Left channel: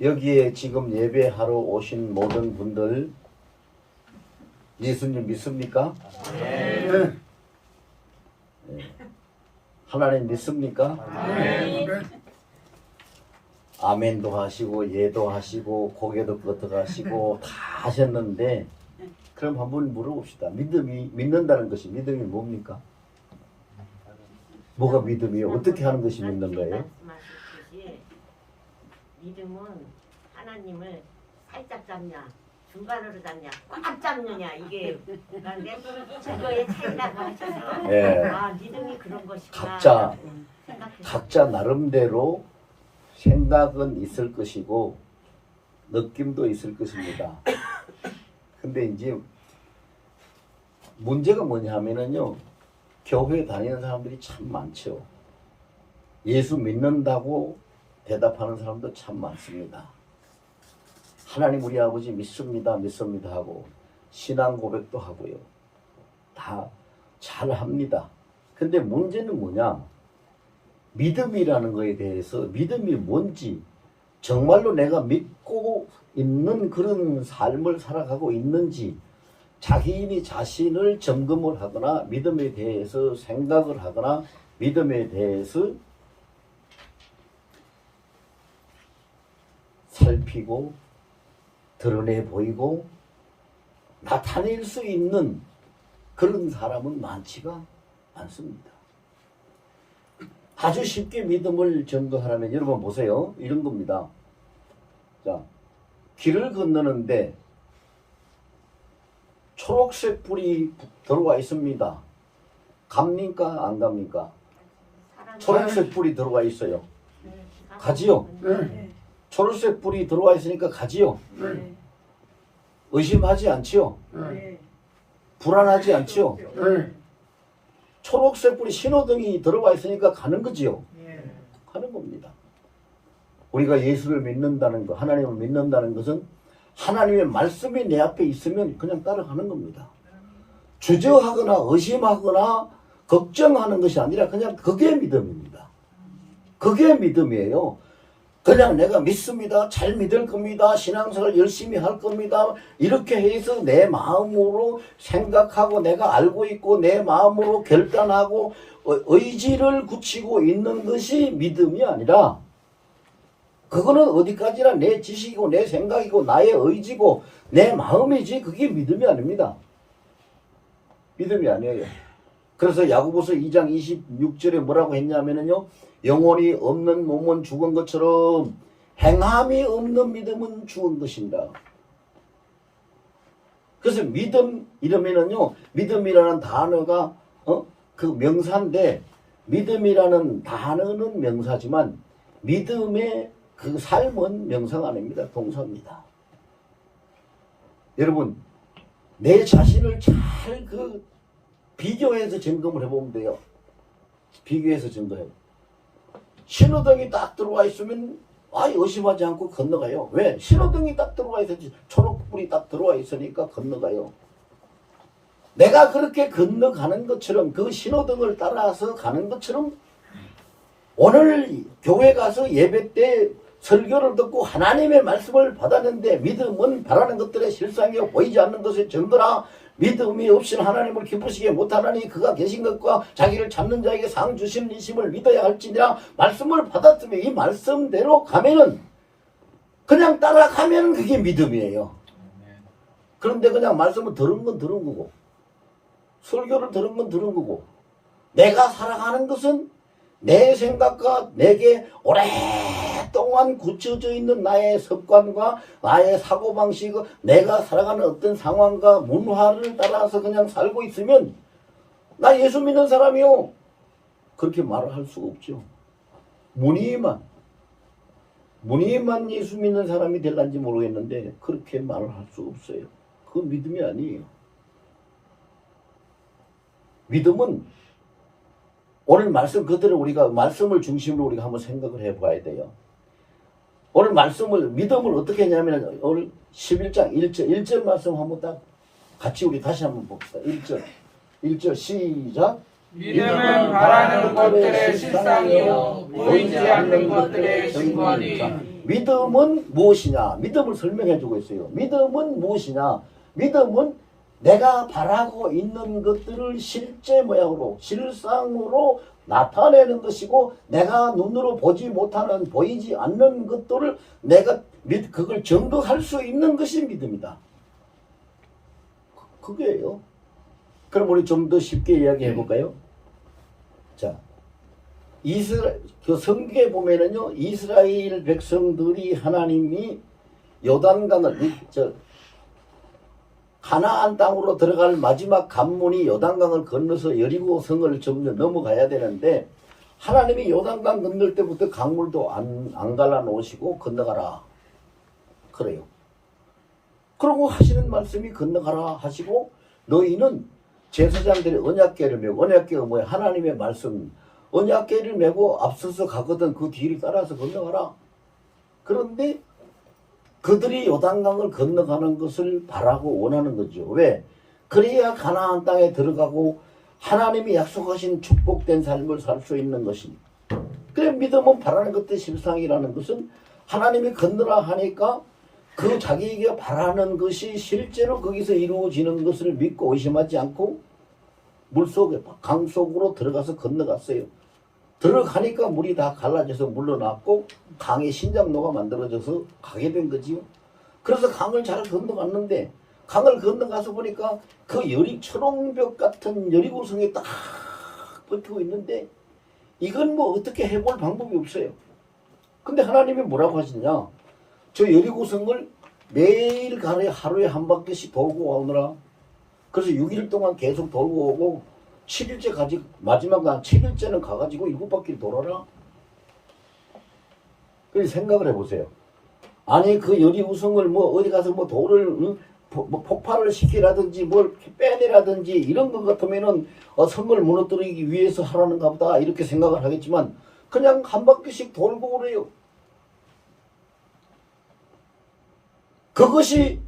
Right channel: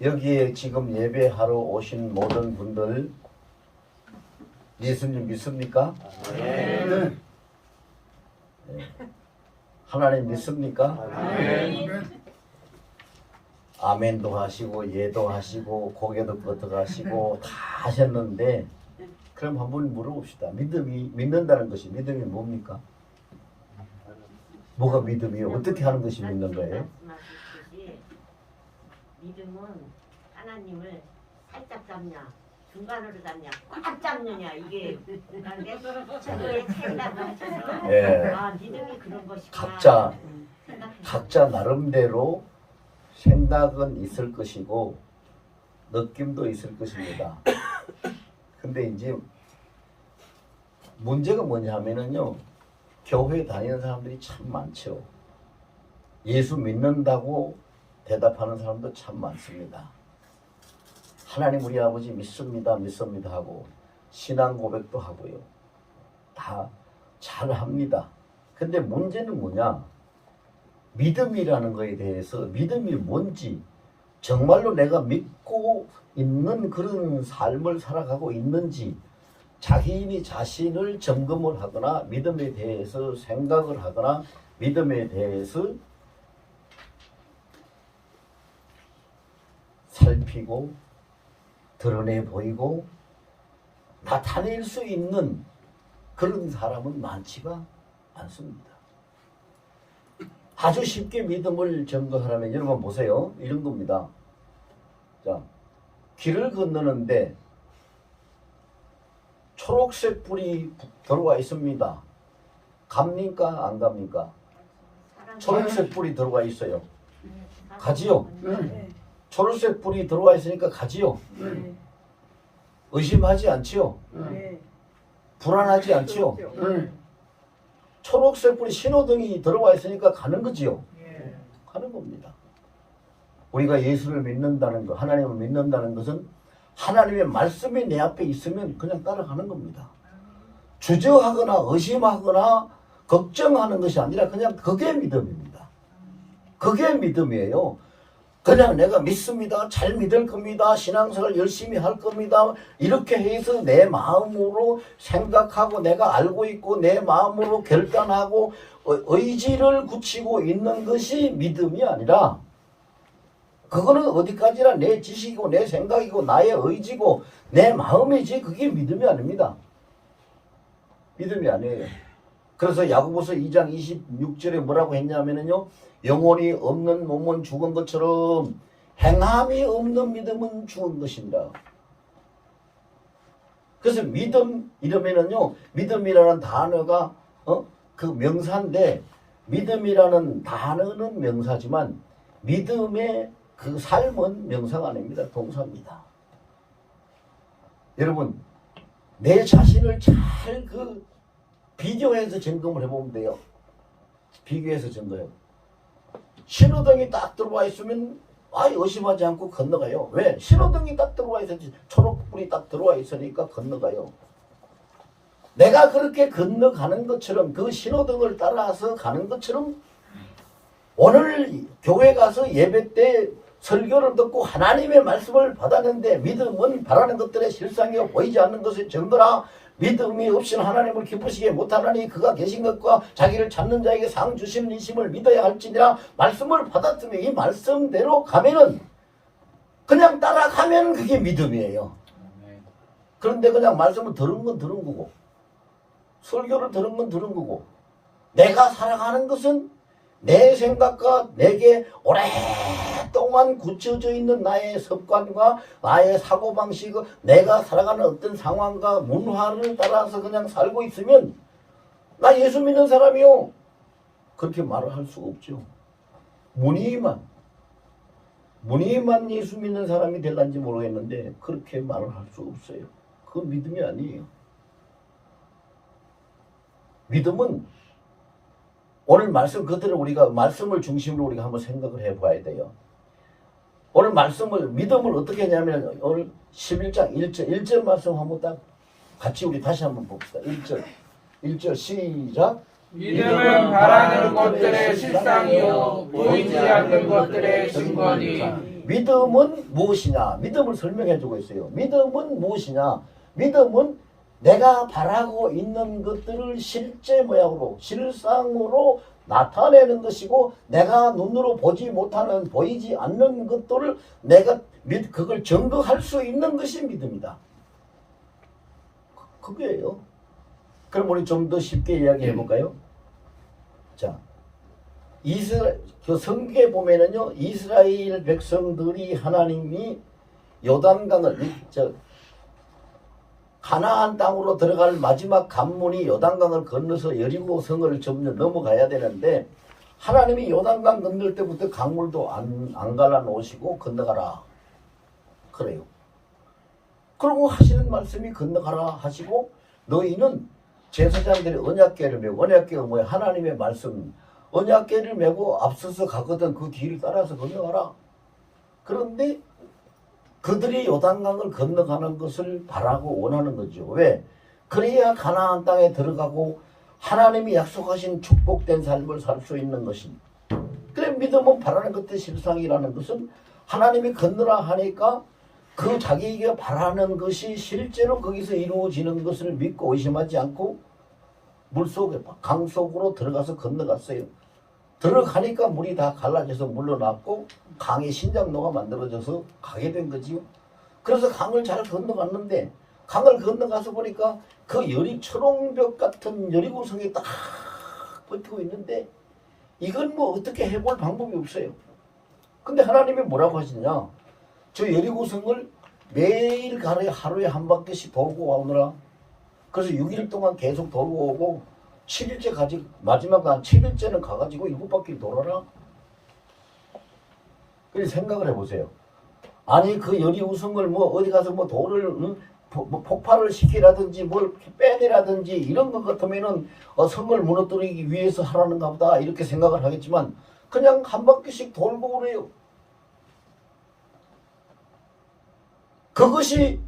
여기에 지금 예배하러 오신 모든 분들 예수님 믿습니까? 네. 하나님 믿습니까? 아멘도 하시고 예도 하시고 고개도 끄덕하시고 다 하셨는데 그럼 한번 물어봅시다. 믿음이 믿는다는 것이 믿음이 뭡니까? 뭐가 믿음이에요? 어떻게 하는 것이 믿는 거예요? 말씀하셨듯이 믿음은 하나님을 살짝 잡냐 중간으로 잡냐 꽉 잡느냐 이게 그런데 그거의 차이라고 하셔서 예. 아 믿음이 그런 것이구나 각자 나름대로 생각은 있을 것이고 느낌도 있을 것입니다. 근데 이제 문제가 뭐냐 하면은요, 교회 다니는 사람들이 참 많죠. 예수 믿는다고 대답하는 사람도 참 많습니다. 하나님 우리 아버지 믿습니다 믿습니다 하고 신앙 고백도 하고요. 다 잘합니다. 근데 문제는 뭐냐, 믿음이라는 것에 대해서 믿음이 뭔지 정말로 내가 믿고 있는 그런 삶을 살아가고 있는지 자기인이 자신을 점검을 하거나 믿음에 대해서 생각을 하거나 믿음에 대해서 살피고 드러내 보이고 나타낼 수 있는 그런 사람은 많지가 않습니다. 아주 쉽게 믿음을 증거하라면 여러분 보세요. 이런 겁니다. 자, 길을 건너는데 초록색 불이 들어와 있습니다. 갑니까? 안 갑니까? 초록색 불이 들어와 있어요. 가지요? 초록색 불이 들어와 있으니까 가지요? 의심하지 않지요? 불안하지 않지요? 초록색 불이 신호등이 들어와 있으니까 가는 거지요? 가는 겁니다. 우리가 예수를 믿는다는 것, 하나님을 믿는다는 것은 하나님의 말씀이 내 앞에 있으면 그냥 따라가는 겁니다. 주저하거나 의심하거나 걱정하는 것이 아니라 그냥 그게 믿음입니다. 그게 믿음이에요. 그냥 내가 믿습니다. 잘 믿을 겁니다. 신앙생활 열심히 할 겁니다. 이렇게 해서 내 마음으로 생각하고 내가 알고 있고 내 마음으로 결단하고 의지를 굳히고 있는 것이 믿음이 아니라 그거는 어디까지나 내 지식이고 내 생각이고 나의 의지고 내 마음이지 그게 믿음이 아닙니다. 믿음이 아니에요. 그래서 야고보서 2장 26절에 뭐라고 했냐면요, 영혼이 없는 몸은 죽은 것처럼 행함이 없는 믿음은 죽은 것입니다. 그래서 믿음 이러면은요, 믿음이라는 단어가 그 명사인데 믿음이라는 단어는 명사지만 믿음의 그 삶은 명사가 아닙니다. 동사입니다. 여러분 내 자신을 잘 비교해서 점검을 해보면 돼요. 비교해서 점검해요. 신호등이 딱 들어와 있으면 의심하지 않고 건너가요. 왜? 신호등이 딱 들어와 있었지. 초록불이 딱 들어와 있으니까 건너가요. 내가 그렇게 건너가는 것처럼 그 신호등을 따라서 가는 것처럼 오늘 교회 가서 예배 때 설교를 듣고 하나님의 말씀을 받았는데 믿음은 바라는 것들의 실상이요 보이지 않는 것의 증거라. 믿음이 없이는 하나님을 기쁘시게 못하나니 그가 계신 것과 자기를 찾는 자에게 상 주신 이심을 믿어야 할지니라. 말씀을 받았으면 이 말씀대로 가면은 그냥 따라가면 그게 믿음이에요. 그런데 그냥 말씀을 들은 건 들은 거고 설교를 들은 건 들은 거고 내가 살아가는 것은 내 생각과 내게 오랫동안 굳혀져 있는 나의 습관과 나의 사고방식, 내가 살아가는 어떤 상황과 문화를 따라서 그냥 살고 있으면 나 예수 믿는 사람이요. 그렇게 말을 할 수가 없죠. 무늬만 예수 믿는 사람이 될런지 모르겠는데 그렇게 말을 할 수 없어요. 그건 믿음이 아니에요. 믿음은 오늘 말씀 그대로 우리가 말씀을 중심으로 우리가 한번 생각을 해봐야 돼요. 오늘 믿음을 어떻게 했냐면 오늘 11장 1절 말씀 한번 딱 같이 우리 다시 한번 봅시다. 1절 시작. 믿음은 바라는 것들의 실상이요 보이지 않는 것들의 증거니. 믿음은 무엇이냐? 믿음을 설명해 주고 있어요. 믿음은 무엇이냐? 믿음은 내가 바라고 있는 것들을 실제 모양으로, 실상으로 나타내는 것이고, 내가 눈으로 보지 못하는, 보이지 않는 것들을 내가 그걸 증거할 수 있는 것이 믿음이다. 그게요. 그럼 우리 좀 더 쉽게 이야기해 볼까요? 자, 그 성경에 보면은요, 이스라엘 백성들이 하나님이 요단강을, 가나안 땅으로 들어갈 마지막 관문이 요단강을 건너서 여리고 성을 넘어가야 되는데, 하나님이 요단강 건널 때부터 강물도 안 갈라놓으시고 건너가라 그래요. 그러고 하시는 말씀이 건너가라 하시고, 너희는 제사장들이 언약궤를 메고, 언약궤가 뭐야? 하나님의 말씀. 언약궤를 메고 앞서서 가거든 그 뒤를 따라서 건너가라. 그런데 그들이 요단강을 건너가는 것을 바라고 원하는 거죠. 왜? 그래야 가나안 땅에 들어가고 하나님이 약속하신 축복된 삶을 살 수 있는 것이니. 그래, 믿음은 바라는 것의 실상이라는 것은 하나님이 건너라 하니까 그 자기가 바라는 것이 실제로 거기서 이루어지는 것을 믿고 의심하지 않고 물속에, 강 속으로 들어가서 건너갔어요. 들어가니까 물이 다 갈라져서 물러났고 강의 신장로가 만들어져서 가게 된 거지요. 그래서 강을 잘 건너갔는데, 강을 건너가서 보니까 그 초롱벽 같은 여리고성이 딱 버티고 있는데, 이건 뭐 어떻게 해볼 방법이 없어요. 근데 하나님이 뭐라고 하시냐? 저 여리고성을 매일 하루에 한 바퀴씩 돌고 오느라. 그래서 6일 동안 계속 돌고 오고, 7일째 마지막 날 7일째는 가가지고 7바퀴 돌아라. 그래서 생각을 해보세요. 아니, 그 여리고성을 뭐 어디 가서 뭐 돌을 뭐 폭발을 시키라든지 뭘 빼내라든지 이런 것 같으면은 성을 무너뜨리기 위해서 하라는가 보다 이렇게 생각을 하겠지만, 그냥 한 바퀴씩 돌고 그래요. 그것이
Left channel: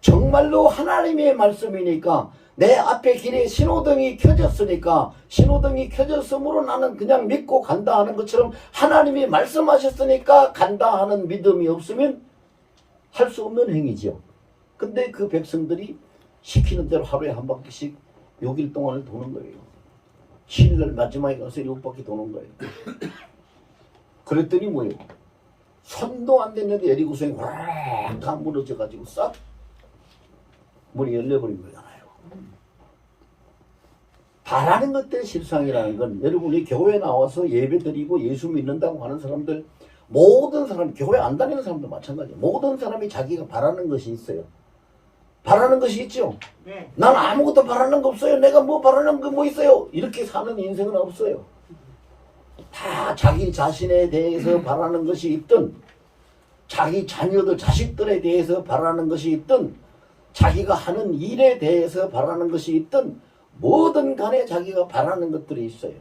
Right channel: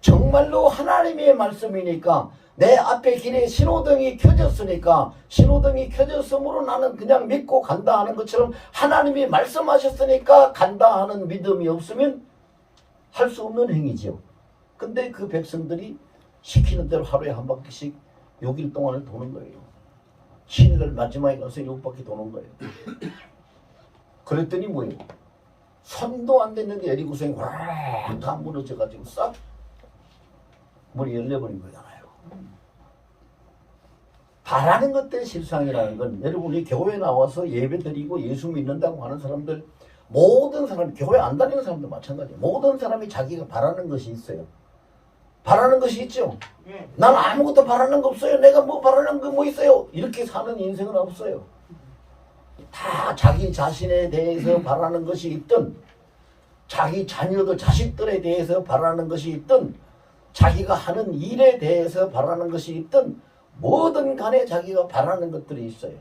정말로 하나님의 말씀이니까, 내 앞에 길에 신호등이 켜졌으니까, 신호등이 켜졌으므로 나는 그냥 믿고 간다 하는 것처럼 하나님이 말씀하셨으니까 간다 하는 믿음이 없으면 할 수 없는 행위죠. 근데 그 백성들이 시키는 대로 하루에 한 바퀴씩 6일 동안을 도는 거예요. 7일 마지막에 가서 7바퀴 도는 거예요. 그랬더니 뭐예요? 손도 안 됐는데 여리고성이 확 다 무너져가지고 싹 문이 열려버린 거잖아요. 바라는 것들의 실상이라는 건, 여러분이 교회에 나와서 예배드리고 예수 믿는다고 하는 사람들, 모든 사람, 교회 안 다니는 사람도 마찬가지예요. 모든 사람이 자기가 바라는 것이 있어요. 바라는 것이 있죠. 네. 나는 아무것도 바라는 거 없어요. 내가 뭐 바라는 거 뭐 있어요. 이렇게 사는 인생은 없어요. 다 자기 자신에 대해서 바라는 것이 있든, 자기 자녀들, 자식들에 대해서 바라는 것이 있든, 자기가 하는 일에 대해서 바라는 것이 있든, 뭐든 간에 자기가 바라는 것들이 있어요.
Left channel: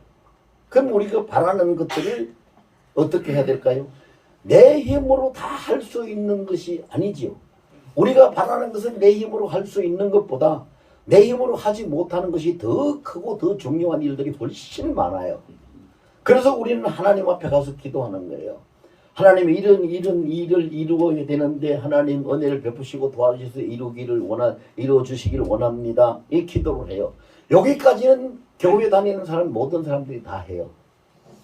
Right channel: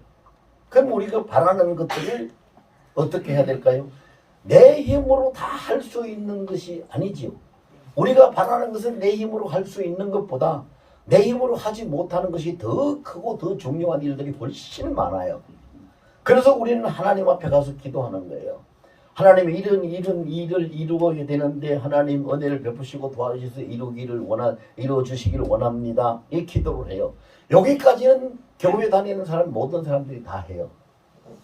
그럼 우리가 바라는 것들을 어떻게 해야 될까요? 내 힘으로 다 할 수 있는 것이 아니지요. 우리가 바라는 것은 내 힘으로 할 수 있는 것보다 내 힘으로 하지 못하는 것이 더 크고 더 중요한 일들이 훨씬 많아요. 그래서 우리는 하나님 앞에 가서 기도하는 거예요. 하나님이 이런 일을 이루어야 되는데 하나님 은혜를 베푸시고 도와주셔서 이루어 주시기를 원합니다. 이 기도를 해요. 여기까지는 교회 다니는 사람, 모든 사람들이 다 해요.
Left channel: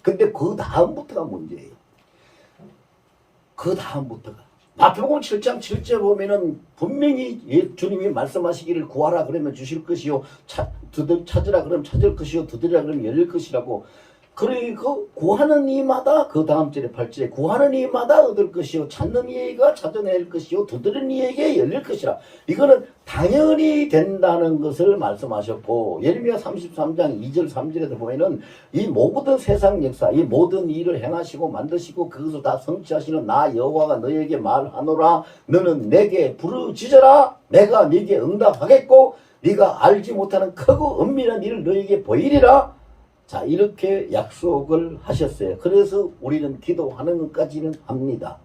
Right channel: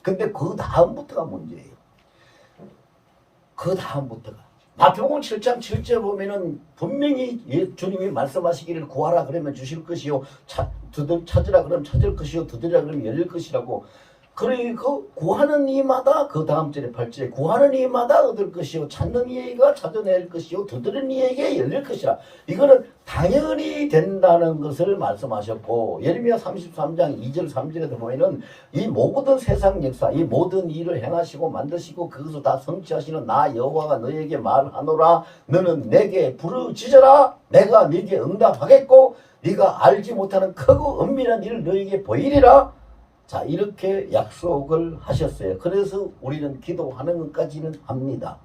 근데 그 다음부터가 문제예요. 그 다음부터가. 마태복음 7장 7절 보면은 분명히 주님이 말씀하시기를 구하라 그러면 주실 것이요, 찾으라 그러면 찾을 것이요, 두드리라 그러면 열릴 것이라고. 그리고 구하는 이마다, 그 다음 절에 8절에 구하는 이마다 얻을 것이요, 찾는 이가 찾아낼 것이요, 두드리는 이에게 열릴 것이라. 이거는 당연히 된다는 것을 말씀하셨고, 예레미야 33장 2절 3절에도 보면은 이 모든 세상 역사, 이 모든 일을 행하시고 만드시고 그것을 다 성취하시는 나 여호와가 너에게 말하노라. 너는 내게 부르짖어라. 내가 네게 응답하겠고 네가 알지 못하는 크고 은밀한 일을 너에게 보이리라. 자, 이렇게 약속을 하셨어요. 그래서 우리는 기도하는 것까지는 합니다.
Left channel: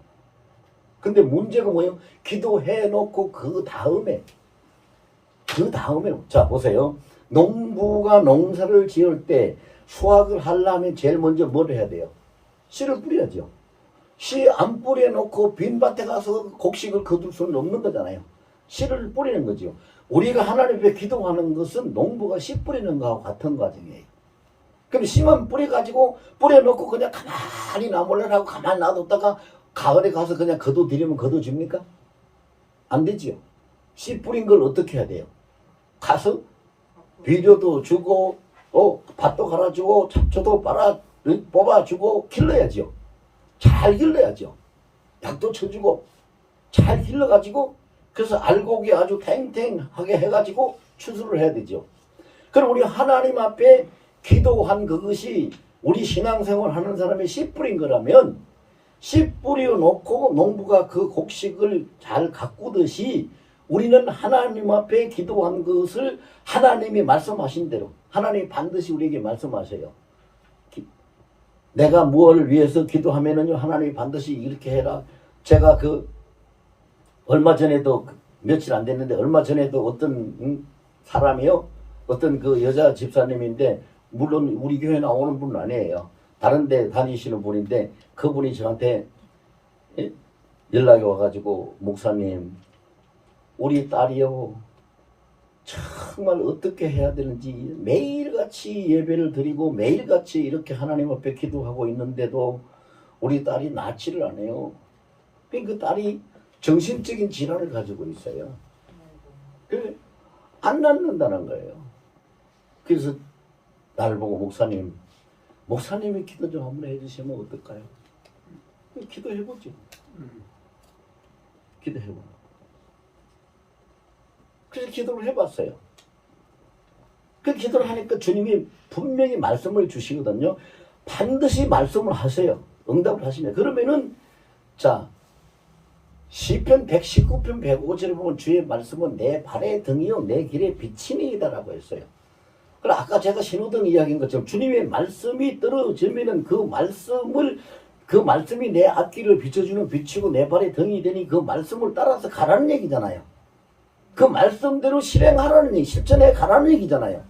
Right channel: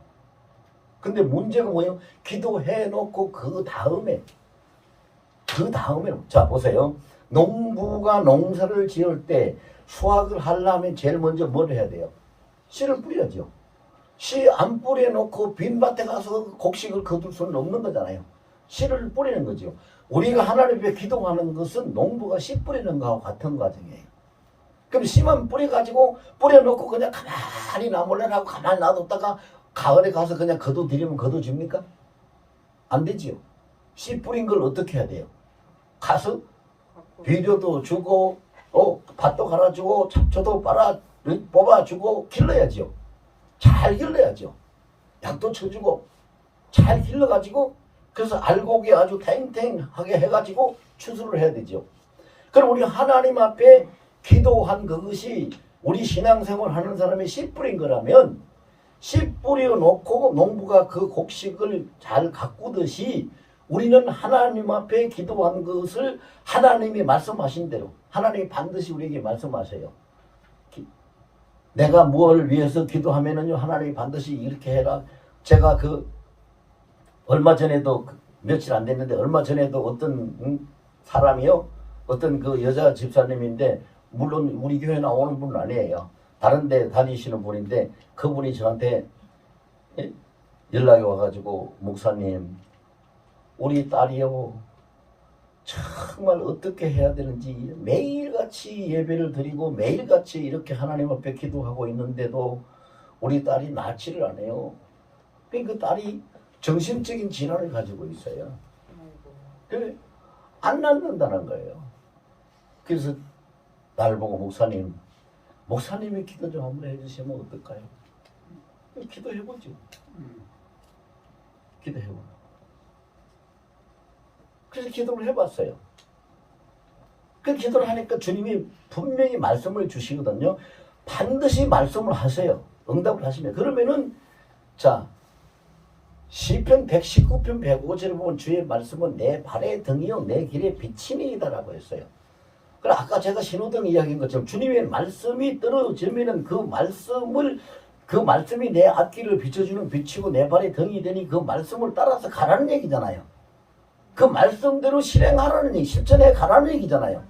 근데 문제가 뭐예요? 기도해 놓고 그 다음에 자 보세요. 농부가 농사를 지을 때 수확을 하려면 제일 먼저 뭘 해야 돼요? 씨를 뿌려야죠. 씨 안 뿌려놓고 빈밭에 가서 곡식을 거둘 수는 없는 거잖아요. 씨를 뿌리는 거죠. 우리가 하나님 앞에 기도하는 것은 농부가 씨 뿌리는 거하고 같은 과정이에요. 그럼 씨만 뿌려가지고 뿌려놓고 그냥 가만히 나몰라라고 가만히 놔뒀다가 가을에 가서 그냥 거둬들이면 거둬집니까? 안 되지요. 씨 뿌린 걸 어떻게 해야 돼요? 가서 비료도 주고 밭도 갈아주고 잡초도 뽑아주고 길러야죠. 잘 길러야죠. 약도 쳐주고 잘 길러가지고 그래서 알곡이 아주 탱탱하게 해가지고 추수를 해야 되죠. 그럼 우리 하나님 앞에 기도한 그것이 우리 신앙생활 하는 사람이 씨 뿌린 거라면 씨 뿌려놓고 농부가 그 곡식을 잘 가꾸듯이 우리는 하나님 앞에 기도한 것을 하나님이 말씀하신 대로 하나님이 반드시 우리에게 말씀하세요. 내가 무엇을 위해서 기도하면은요 하나님이 반드시 이렇게 해라. 제가 얼마 전에도 며칠 안 됐는데 얼마 전에도 어떤 사람이요 어떤 그 여자 집사님인데 물론 우리 교회 나오는 분은 아니에요. 다른 데 다니시는 분인데 그분이 저한테 연락이 와가지고 목사님 우리 딸이요 정말 어떻게 해야 되는지 매일같이 예배를 드리고 매일같이 이렇게 하나님 앞에 기도하고 있는데도 우리 딸이 낫지를 않아요. 그러니까 그 딸이 정신적인 질환을 가지고 있어요. 그래 안 낫는다는 거예요. 그래서 날 보고 목사님이 기도 좀 한번 해주시면 어떨까요? 기도해보죠. 기도해봐. 그래서 기도를 해봤어요. 그 기도를 하니까 주님이 분명히 말씀을 주시거든요. 반드시 말씀을 하세요. 응답을 하시면. 그러면은 자 시편 119편 105절에 보면 주의 말씀은 내 발의 등이요 내 길의 빛이니이다라고 했어요. 그래 아까 제가 신호등 이야기한 것처럼 주님의 말씀이 떨어지면은 그 말씀이 내 앞길을 비춰주는 빛이고 내 발의 등이 되니 그 말씀을 따라서 가라는 얘기잖아요. 그 말씀대로 실행하라는 얘기, 실천해 가라는 얘기잖아요.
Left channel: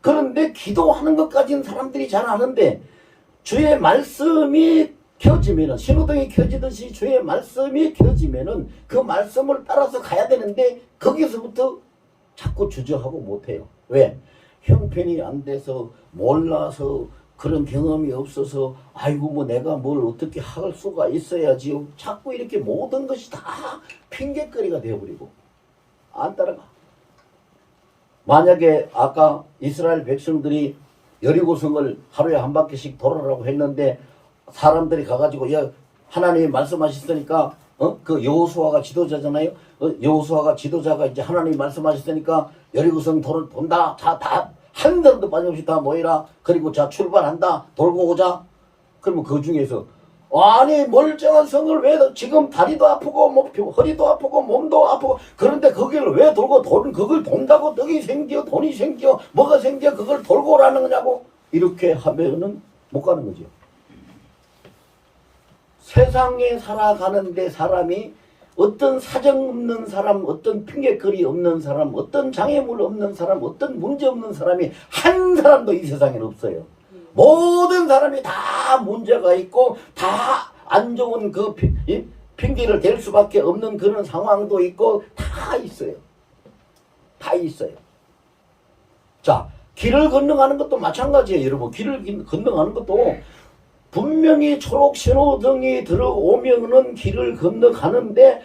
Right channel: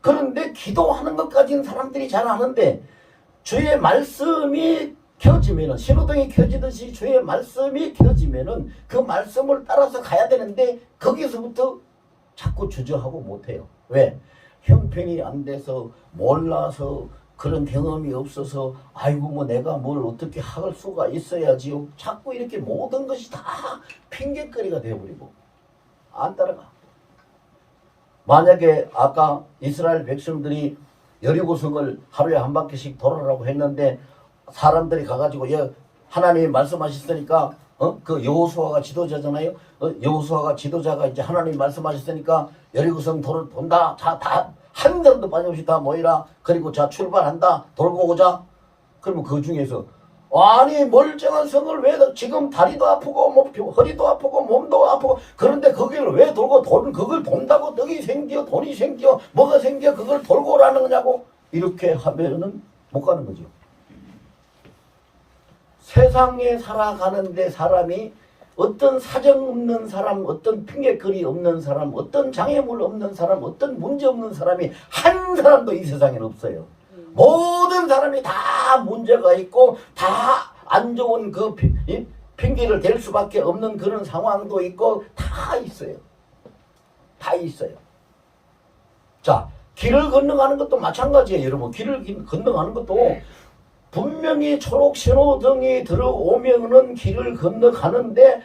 그런데 기도하는 것까지는 사람들이 잘 아는데 주의 말씀이 켜지면은 신호등이 켜지듯이 주의 말씀이 켜지면은 그 말씀을 따라서 가야 되는데 거기서부터 자꾸 주저하고 못해요. 왜? 형편이 안 돼서 몰라서 그런 경험이 없어서 아이고 뭐 내가 뭘 어떻게 할 수가 있어야지요. 자꾸 이렇게 모든 것이 다 핑계거리가 되어버리고 안 따라가. 만약에 아까 이스라엘 백성들이 여리고성을 하루에 한 바퀴씩 돌아라고 했는데 사람들이 가가지고 야 하나님이 말씀하셨으니까 그 여호수아가 지도자잖아요. 여호수아가 지도자가 이제 하나님이 말씀하셨으니까 여리고성 돈다. 다 한 사람도 빠짐없이 다 모이라. 그리고 자 출발한다. 돌고 오자. 그러면 그 중에서 아니 멀쩡한 성을 왜 지금 다리도 아프고 뭐 허리도 아프고 몸도 아프고 그런데 거기를 왜 돌고 그걸 돈다고 떡이 생겨 돈이 생겨 뭐가 생겨 그걸 돌고 오라는 거냐고 이렇게 하면은 못 가는 거죠. 세상에 살아가는데 사람이 어떤 사정 없는 사람, 어떤 핑계거리 없는 사람, 어떤 장애물 없는 사람, 어떤 문제 없는 사람이 한 사람도 이 세상에는 없어요. 모든 사람이 다 문제가 있고 다 안 좋은 그 핑계를 댈 수밖에 없는 그런 상황도 있고 다 있어요. 다 있어요. 자, 길을 건너가는 것도 마찬가지예요. 여러분 길을 건너가는 것도 분명히 초록 신호등이 들어오면은 길을 건너가는데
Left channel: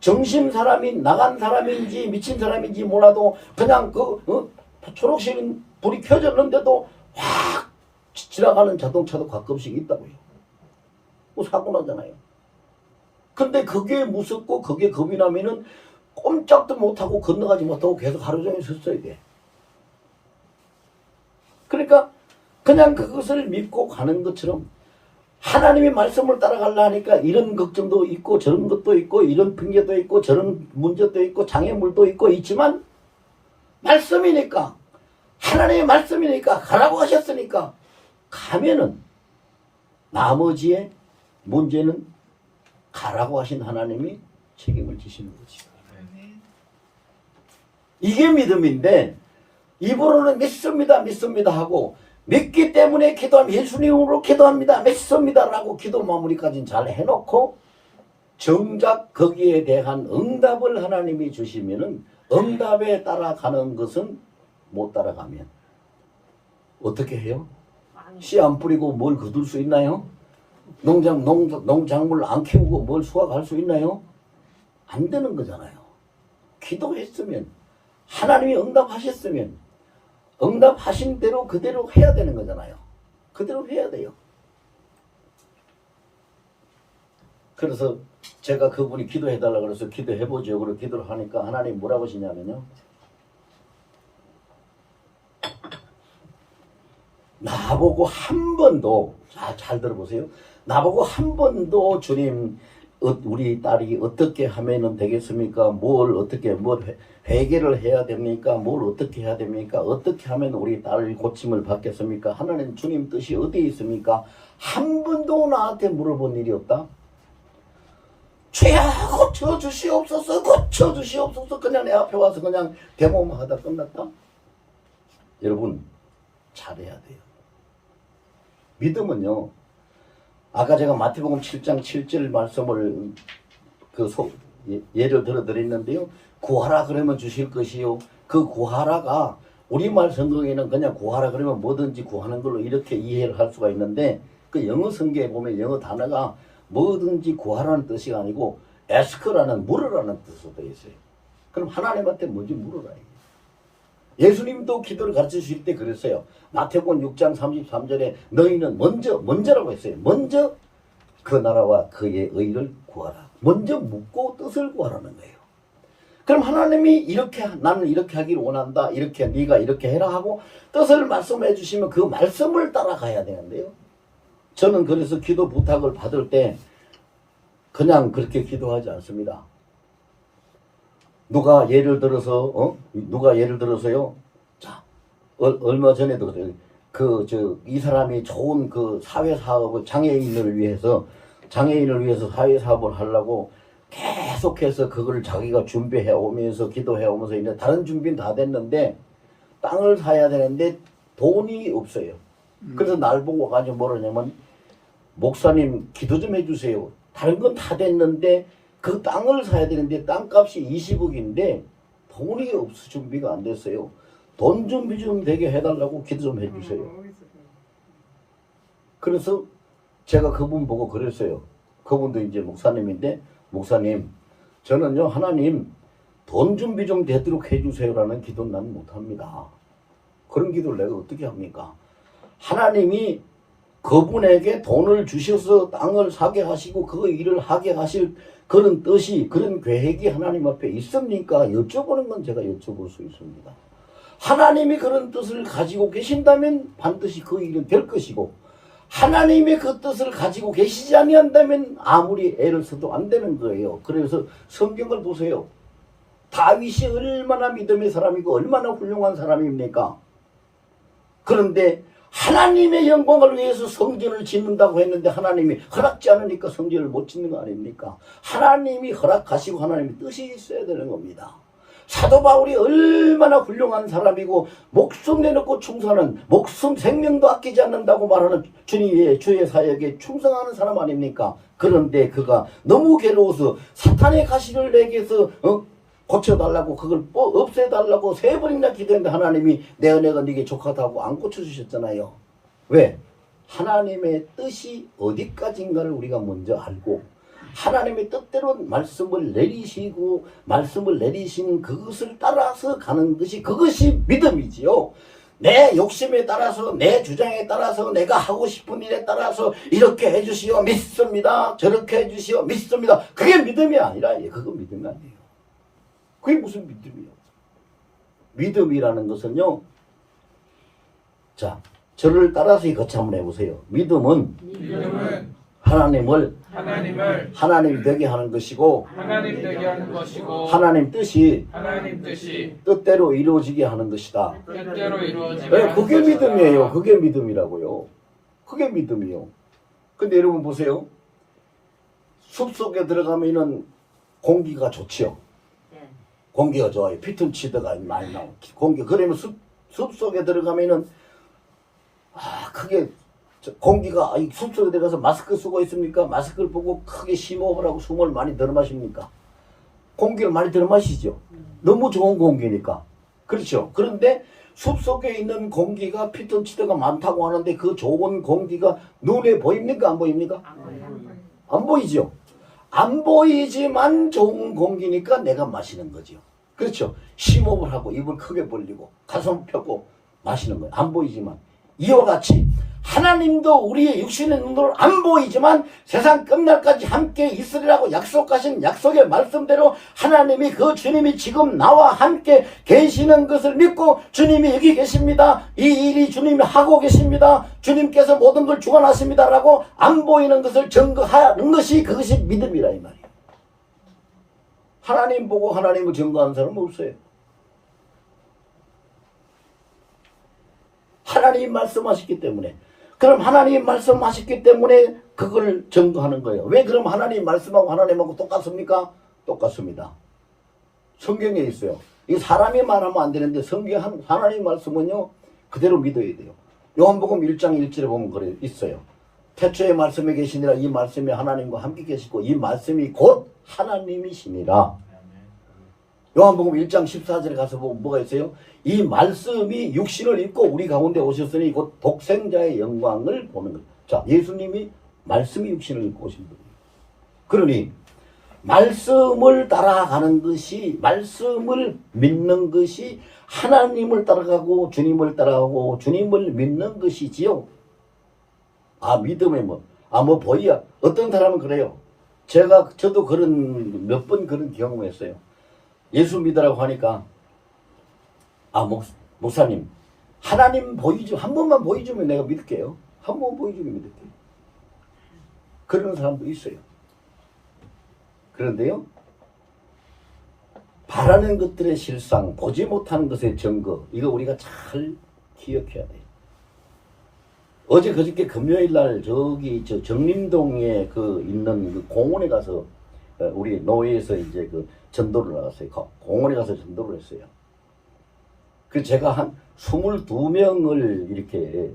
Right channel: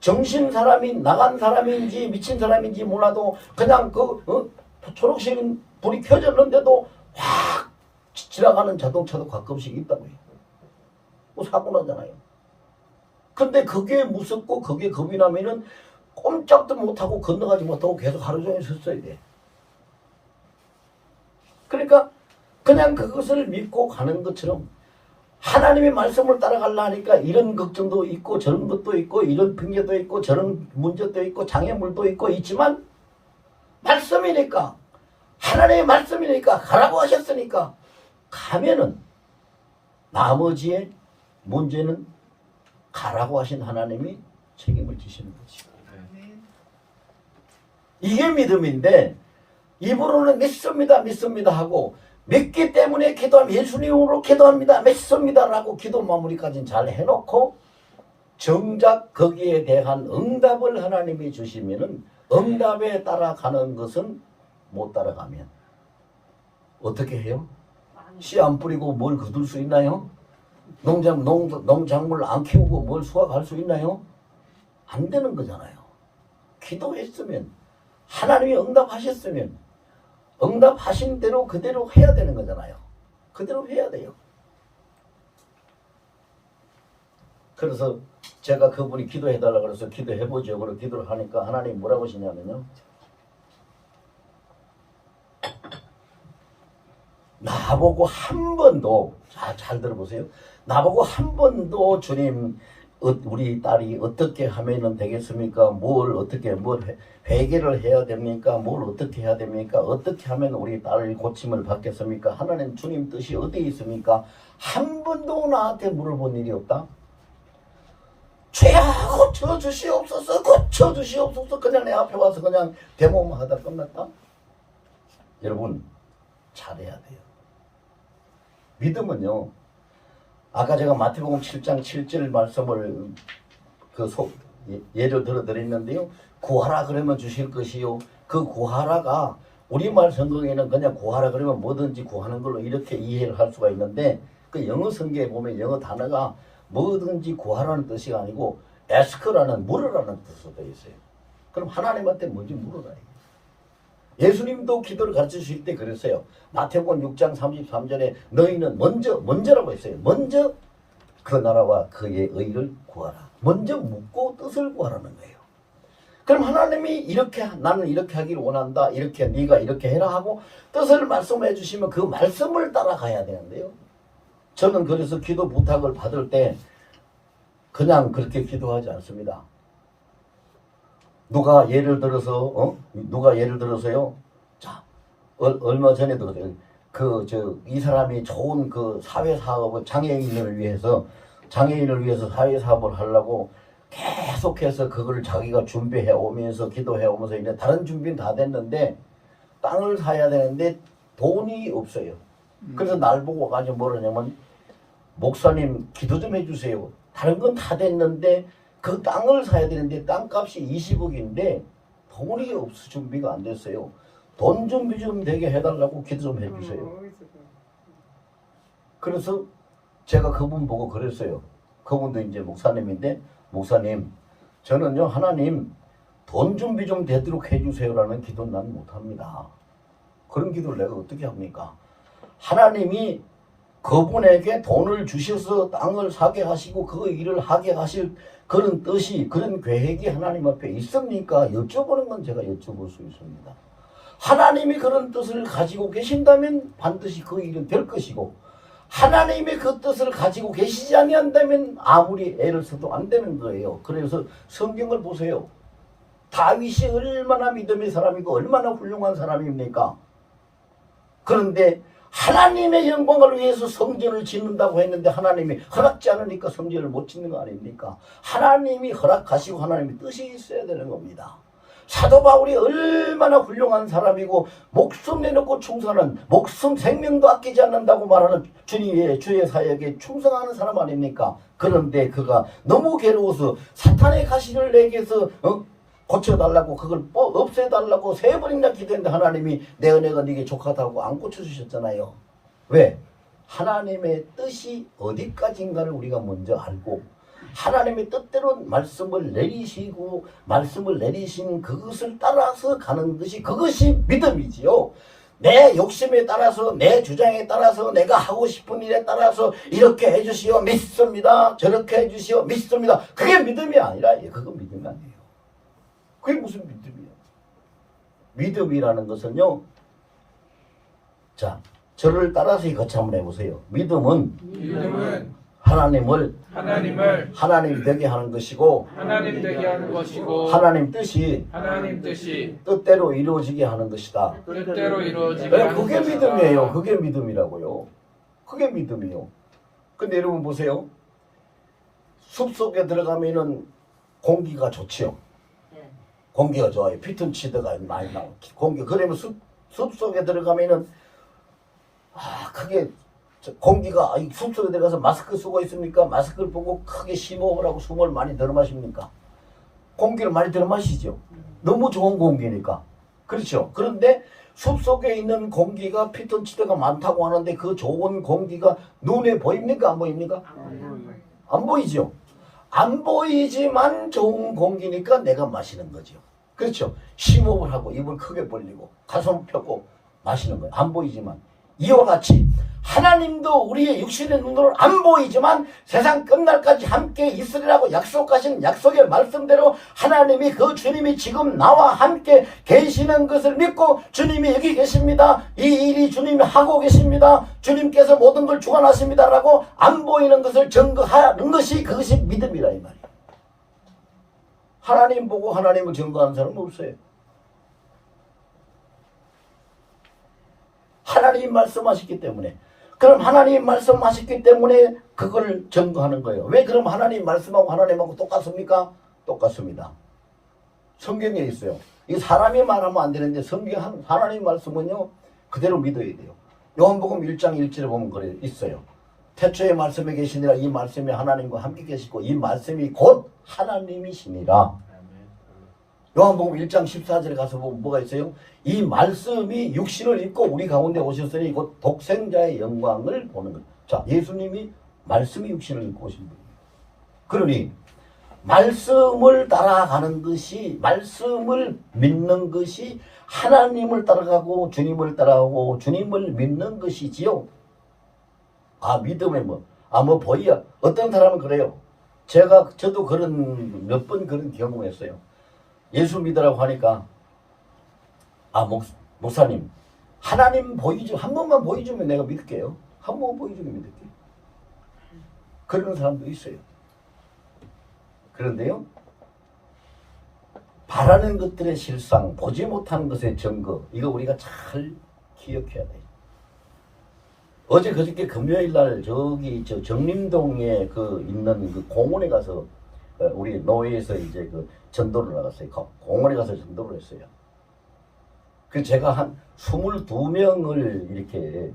정신 사람이 나간 사람인지 미친 사람인지 몰라도 그냥 초록 신 불이 켜졌는데도 확 지나가는 자동차도 가끔씩 있다고요. 뭐 사고 나잖아요. 근데 그게 무섭고 그게 겁이 나면은 꼼짝도 못하고 건너가지 못하고 계속 하루 종일 섰어야 돼. 그러니까 그냥 그것을 믿고 가는 것처럼 하나님의 말씀을 따라가려 하니까 이런 걱정도 있고 저런 것도 있고 이런 핑계도 있고 저런 문제도 있고 장애물도 있고 있지만 말씀이니까 하나님의 말씀이니까 가라고 하셨으니까 가면은 나머지의 문제는 가라고 하신 하나님이 책임을 지시는 거지. 이게 믿음인데 입으로는 믿습니다, 믿습니다 하고 믿기 때문에 기도하면 예수님으로 기도합니다, 믿습니다라고 기도 마무리까지는 잘 해놓고 정작 거기에 대한 응답을 하나님이 주시면은 응답에 따라가는 것은 못 따라가면 어떻게 해요? 씨 안 뿌리고 뭘 거둘 수 있나요? 농작물 안 키우고 뭘 수확할 수 있나요? 안 되는 거잖아요. 기도했으면 하나님이 응답하셨으면 응답하신 대로 그대로 해야 되는 거잖아요. 그대로 해야 돼요. 그래서 제가 그분이 기도해달라고 그래서 기도해보죠. 그리고 기도를 하니까 하나님 뭐라고 하시냐면요. 나보고 한 번도, 잘 들어보세요. 나보고 한 번도 주님, 우리 딸이 어떻게 하면 되겠습니까? 뭘 회개를 해야 됩니까? 뭘 어떻게 해야 됩니까? 어떻게 하면 우리 딸이 고침을 받겠습니까? 하나님 주님 뜻이 어디에 있습니까? 한 번도 나한테 물어본 일이 없다. 죄야 고쳐주시옵소서, 고쳐주시옵소서. 그냥 내 앞에 와서 그냥 대모만 하다 끝났다. 여러분 잘해야 돼요. 믿음은요, 아까 제가 마태복음 7장 7절 말씀을 예를 들어 드렸는데요. 구하라 그러면 주실 것이요. 그 구하라가 우리말 성경에는 그냥 구하라 그러면 뭐든지 구하는 걸로 이렇게 이해를 할 수가 있는데 그 영어 성경에 보면 영어 단어가 뭐든지 구하라는 뜻이 아니고 ask라는 물으라는 뜻으로 되어 있어요. 그럼 하나님한테 뭔지 물어라. 예수님도 기도를 가르쳐 주실 때 그랬어요. 마태복음 6장 33절에 너희는 먼저라고 했어요. 먼저 그 나라와 그의 의를 구하라. 먼저 묻고 뜻을 구하라는 거예요. 그럼 하나님이 이렇게 나는 이렇게 하기를 원한다. 이렇게 네가 이렇게 해라 하고 뜻을 말씀해 주시면 그 말씀을 따라가야 되는데요. 저는 그래서 기도 부탁을 받을 때 그냥 그렇게 기도하지 않습니다. 누가 예를 들어서요. 자, 얼마 전에도 이 사람이 좋은 그 사회 사업을 장애인을 위해서 사회 사업을 하려고 계속해서 그걸 자기가 준비해 오면서 기도해 오면서 이제 다른 준비는 다 됐는데 땅을 사야 되는데 돈이 없어요. 그래서 날 보고 가지고 뭐라냐면 목사님 기도 좀 해주세요. 다른 건 다 됐는데 그 땅을 사야 되는데 땅값이 20억인데 돈이 없어 준비가 안 됐어요. 돈 준비 좀 되게 해달라고 기도 좀 해주세요. 그래서 제가 그분 보고 그랬어요. 그분도 이제 목사님인데 목사님 저는요 하나님 돈 준비 좀 되도록 해주세요라는 기도는 난 못합니다. 그런 기도를 내가 어떻게 합니까? 하나님이 그분에게 돈을 주셔서 땅을 사게 하시고 그 일을 하게 하실 그런 뜻이 그런 계획이 하나님 앞에 있습니까? 여쭤보는 건 제가 여쭤볼 수 있습니다. 하나님이 그런 뜻을 가지고 계신다면 반드시 그 일은 될 것이고 하나님의 그 뜻을 가지고 계시지 아니한다면 아무리 애를 써도 안 되는 거예요. 그래서 성경을 보세요. 다윗이 얼마나 믿음의 사람이고 얼마나 훌륭한 사람입니까? 그런데 하나님의 영광을 위해서 성전을 짓는다고 했는데 하나님이 허락지 않으니까 성전을 못 짓는 거 아닙니까? 하나님이 허락하시고 하나님의 뜻이 있어야 되는 겁니다. 사도 바울이 얼마나 훌륭한 사람이고 목숨 내놓고 충성하는 목숨 생명도 아끼지 않는다고 말하는 주님의 주의 사역에 충성하는 사람 아닙니까? 그런데 그가 너무 괴로워서 사탄의 가시를 내게서 고쳐달라고 그걸 없애달라고 3번이나 기도했는데 하나님이 내 은혜가 네게 족하다고 안 고쳐주셨잖아요. 왜? 하나님의 뜻이 어디까지인가를 우리가 먼저 알고 하나님의 뜻대로 말씀을 내리시고 말씀을 내리신 그것을 따라서 가는 것이 그것이 믿음이지요. 내 욕심에 따라서 내 주장에 따라서 내가 하고 싶은 일에 따라서 이렇게 해주시오 믿습니다. 저렇게 해주시오 믿습니다. 그게 믿음이 아니라 그거 믿음이 아니에요. 그게 무슨 믿음이에요? 믿음이라는 것은요. 자, 저를 따라서 같이 한번 해보세요. 믿음은 하나님을 하나님 되게 하는 것이고 하나님 뜻이 뜻대로 이루어지게 하는 것이다. 네, 그게 믿음이에요. 그게 믿음이라고요. 그게 믿음이요. 근데 여러분 보세요. 숲속에 들어가면은 공기가 좋지요. 공기가 좋아요. 피톤치드가 많이 나요. 그러면 숲속에 들어가면은 크게 공기가 숲속에 들어가서 마스크 쓰고 있습니까? 마스크를 보고 크게 심호흡을 하고 숨을 많이 들어 마십니까? 공기를 많이 들어 마시죠. 너무 좋은 공기니까. 그렇죠. 그런데 숲속에 있는 공기가 피톤치드가 많다고 하는데 그 좋은 공기가 눈에 보입니까? 안 보입니까? 안 보이죠. 안 보이지만 좋은 공기니까 내가 마시는 거죠. 그렇죠. 심호흡을 하고 입을 크게 벌리고 가슴을 펴고 마시는 거예요. 안 보이지만. 이와 같이 하나님도 우리의 육신의 눈으로 안 보이지만 세상 끝날까지 함께 있으리라고 약속하신 약속의 말씀대로 하나님이 그 주님이 지금 나와 함께 계시는 것을 믿고 주님이 여기 계십니다. 이 일이 주님이 하고 계십니다. 주님께서 모든 걸 주관하십니다라고 안 보이는 것을 증거하는 것이 그것이 믿음이라 이 말이에요. 하나님 보고 하나님을 증거하는 사람은 없어요. 하나님 말씀하셨기 때문에. 그럼 하나님 말씀하셨기 때문에 그걸 증거하는 거예요. 왜 그럼 하나님 말씀하고 하나님하고 똑같습니까? 똑같습니다. 성경에 있어요. 이 사람이 말하면 안 되는데 성경 하나님 말씀은요 그대로 믿어야 돼요. 요한복음 1장 1절에 보면 그래 있어요. 태초에 말씀에 계시니라 이 말씀이 하나님과 함께 계시고 이 말씀이 곧 하나님이시니라. 요한복음 1장 14절에 가서 보면 뭐가 있어요? 이 말씀이 육신을 입고 우리 가운데 오셨으니 곧 독생자의 영광을 보는 거예요. 자, 예수님이 말씀이 육신을 입고 오신 분이에요. 그러니 말씀을 따라가는 것이, 말씀을 믿는 것이 하나님을 따라가고 주님을 따라가고 주님을 믿는 것이지요. 믿음에 뭐 보이야. 어떤 사람은 그래요. 저도 몇 번 그런 경험을 했어요. 예수 믿으라고 하니까 목사님 하나님 한 번만 보여주면 내가 믿을게요. 한 번 보여주면 믿을게요. 그런 사람도 있어요. 그런데요 바라는 것들의 실상, 보지 못하는 것의 증거, 이거 우리가 잘 기억해야 돼요. 어제 그저께 금요일날 저기 정림동에 있는 그 공원에 가서 우리 노회에서 이제 전도를 나갔어요. 공원에 가서 전도를 했어요. 제가 한 22명을 이렇게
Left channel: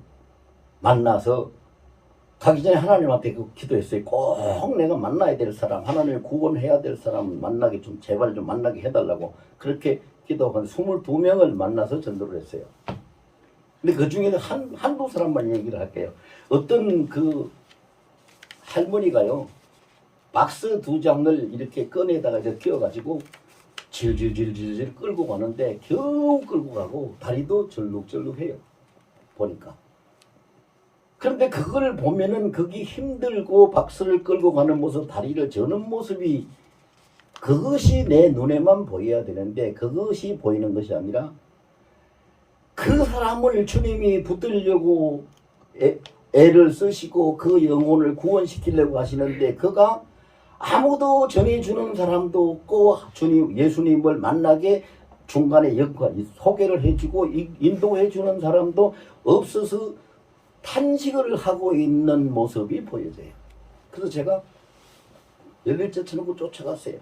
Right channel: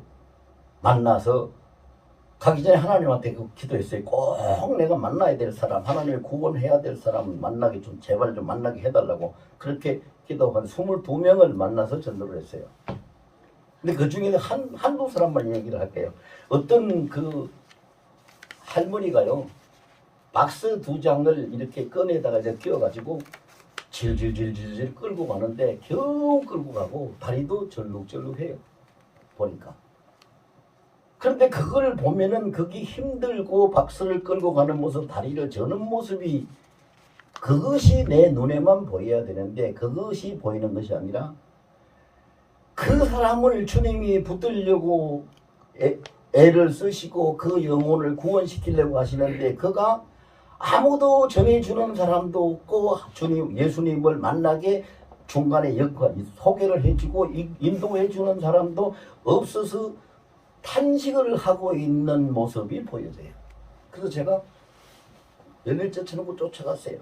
만나서 가기 전에 하나님한테 기도했어요. 꼭 내가 만나야 될 사람, 하나님을 구원해야 될 사람 만나게 제발 좀 만나게 해달라고 그렇게 기도한 22명을 만나서 전도를 했어요. 근데 그 중에 한두 사람만 얘기를 할게요. 어떤 할머니가요. 박스 2장을 이렇게 꺼내다가 이제 끼워가지고 질질질질 끌고 가는데 겨우 끌고 가고 다리도 절룩절룩해요. 보니까. 그런데 그걸 보면은 그게 힘들고 박스를 끌고 가는 모습, 다리를 저는 모습이 그것이 내 눈에만 보여야 되는데 그것이 보이는 것이 아니라 그 사람을 주님이 붙들려고 애를 쓰시고 그 영혼을 구원시키려고 하시는데 그가 아무도 전해주는 사람도 없고 예수님을 만나게 중간에 소개를 해주고 인도해주는 사람도 없어서 탄식을 하고 있는 모습이 보여져요. 그래서 제가 열일째 쳐놓고 쫓아갔어요.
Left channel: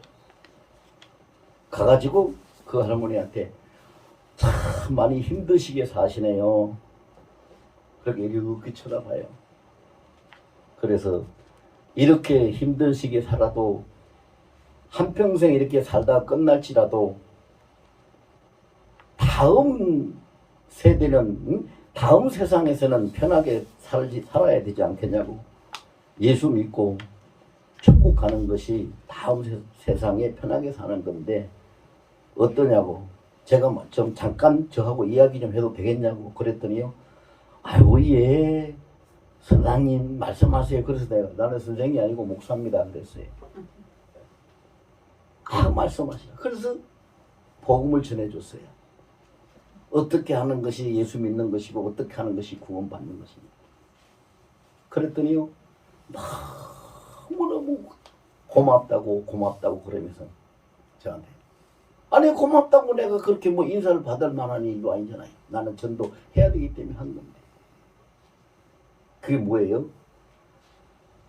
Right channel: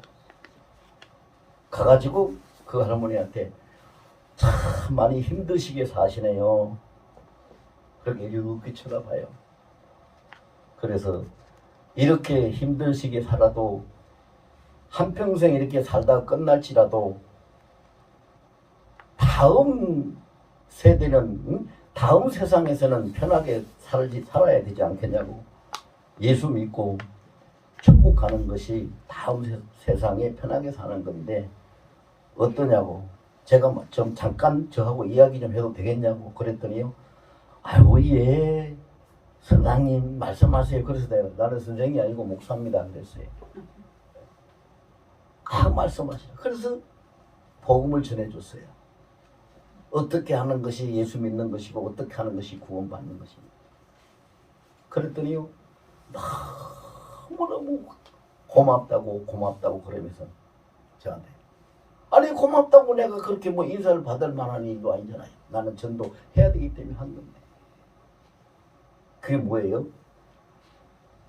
가가지고 그 할머니한테 참 많이 힘드시게 사시네요. 그렇게 이렇게 쳐다봐요. 그래서 이렇게 힘드시게 살아도 한평생 이렇게 살다 끝날지라도 다음 세대는 다음 세상에서는 편하게 살아야 되지 않겠냐고. 예수 믿고 천국 가는 것이 다음 세상에 편하게 사는 건데 어떠냐고. 제가 좀 잠깐 저하고 이야기 좀 해도 되겠냐고 그랬더니요. 아이고 예 선생님 말씀하세요. 그래서 내가 나는 선생이 아니고 목사입니다 그랬어요. 말씀하시라. 그래서 복음을 전해줬어요. 어떻게 하는 것이 예수 믿는 것이고 어떻게 하는 것이 구원받는 것입니다. 그랬더니요 너무너무 고맙다고 그러면서 저한테 아니 고맙다고 내가 그렇게 인사를 받을 만한 일도 아니잖아요. 나는 전도 해야 되기 때문에 한 건데. 그게 뭐예요?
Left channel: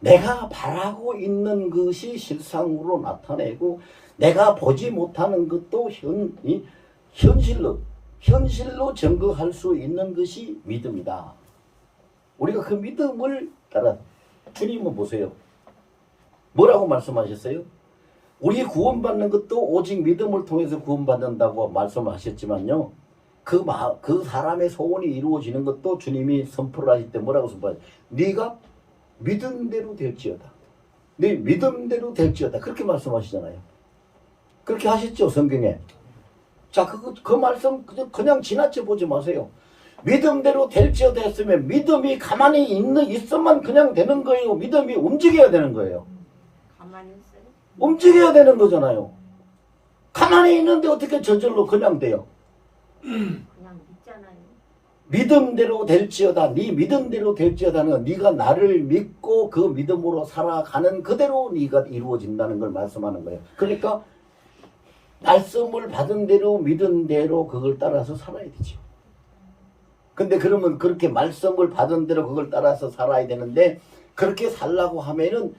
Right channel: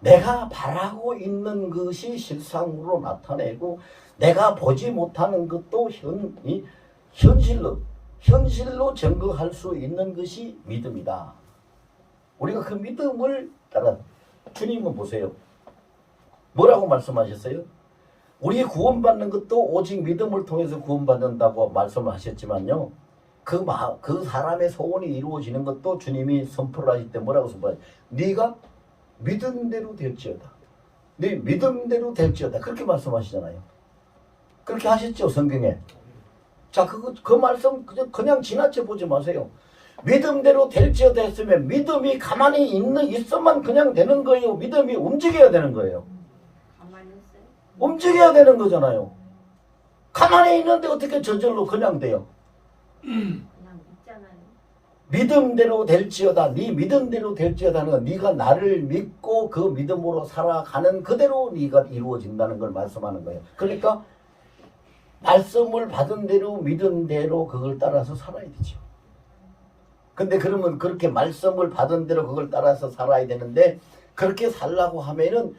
내가 바라고 있는 것이 실상으로 나타내고 내가 보지 못하는 것도 현실로 현실로 증거할 수 있는 것이 믿음이다. 우리가 그 믿음을 따라 주님은 보세요. 뭐라고 말씀하셨어요? 우리 구원받는 것도 오직 믿음을 통해서 구원받는다고 말씀하셨지만요. 그 사람의 소원이 이루어지는 것도 주님이 선포를 하실 때 뭐라고 선포하죠? 네가 믿음대로 될지어다. 네 믿음대로 될지어다. 그렇게 말씀하시잖아요. 그렇게 하셨죠, 성경에. 자, 그 말씀 그냥 지나쳐 보지 마세요. 믿음대로 될지어다 했으면 믿음이 가만히 있으면 그냥 되는 거예요. 믿음이 움직여야 되는 거예요. 가만히 있어요. 움직여야 되는 거잖아요. 가만히 있는데 어떻게 저절로 그냥 돼요? 그냥 믿잖아요. 믿음대로 될지어다. 네 믿음대로 될지어다는 네가 나를 믿고 그 믿음으로 살아가는 그대로 네가 이루어진다는 걸 말씀하는 거예요. 그러니까 말씀을 받은 대로 믿은 대로 그걸 따라서 살아야 되죠. 근데 그러면 그렇게 말씀을 받은 대로 그걸 따라서 살아야 되는데 그렇게 살라고 하면은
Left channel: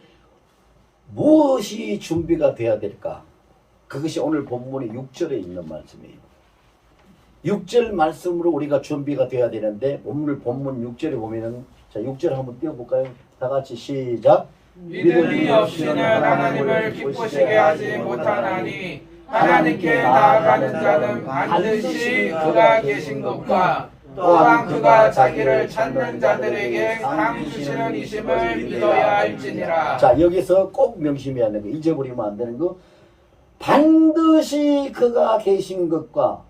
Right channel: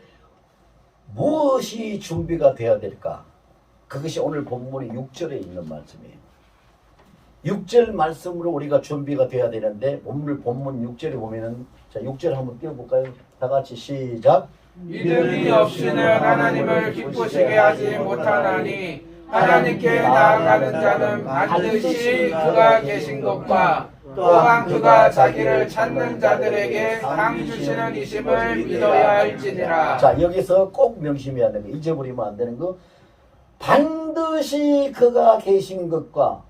무엇이 준비가 돼야 될까? 그것이 오늘 본문의 6절에 있는 말씀이에요. 6절 말씀으로 우리가 준비가 돼야 되는데 본문 6절에 보면은 자 6절 한번 띄워볼까요? 다 같이 시작. 믿음이 없이는 하나님을 기쁘시게 하지 못하나니 하나님께 나아가는 자는 반드시 그가 계신 것과 또한 그가 자기를 찾는 자들에게 상 주시는 이심을 믿어야 할지니라. 자 여기서 꼭 명심해야 하는 거, 잊어버리면 안 되는 거, 반드시 그가 계신 것과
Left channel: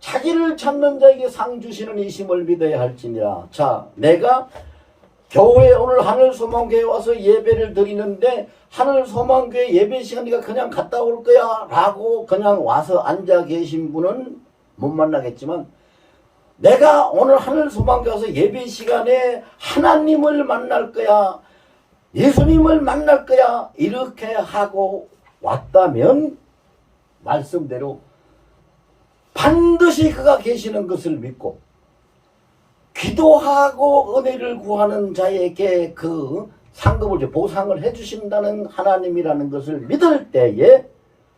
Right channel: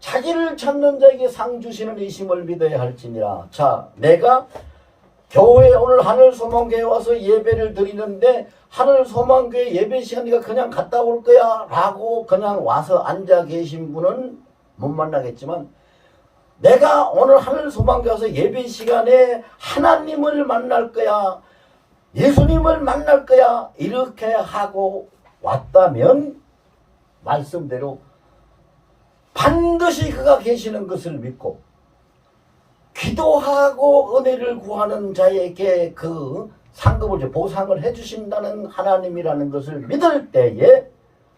자기를 찾는 자에게 상 주시는 이심을 믿어야 할지니라. 자, 내가 교회 오늘 하늘소망교회 와서 예배를 드리는데 하늘소망교회 예배 시간이가 그냥 갔다 올 거야 라고 그냥 와서 앉아 계신 분은 못 만나겠지만, 내가 오늘 하늘소망교회 와서 예배 시간에 하나님을 만날 거야, 예수님을 만날 거야 이렇게 하고 왔다면 말씀대로 반드시 그가 계시는 것을 믿고 기도하고 은혜를 구하는 자에게 그 상급을 보상을 해주신다는 하나님이라는 것을 믿을 때에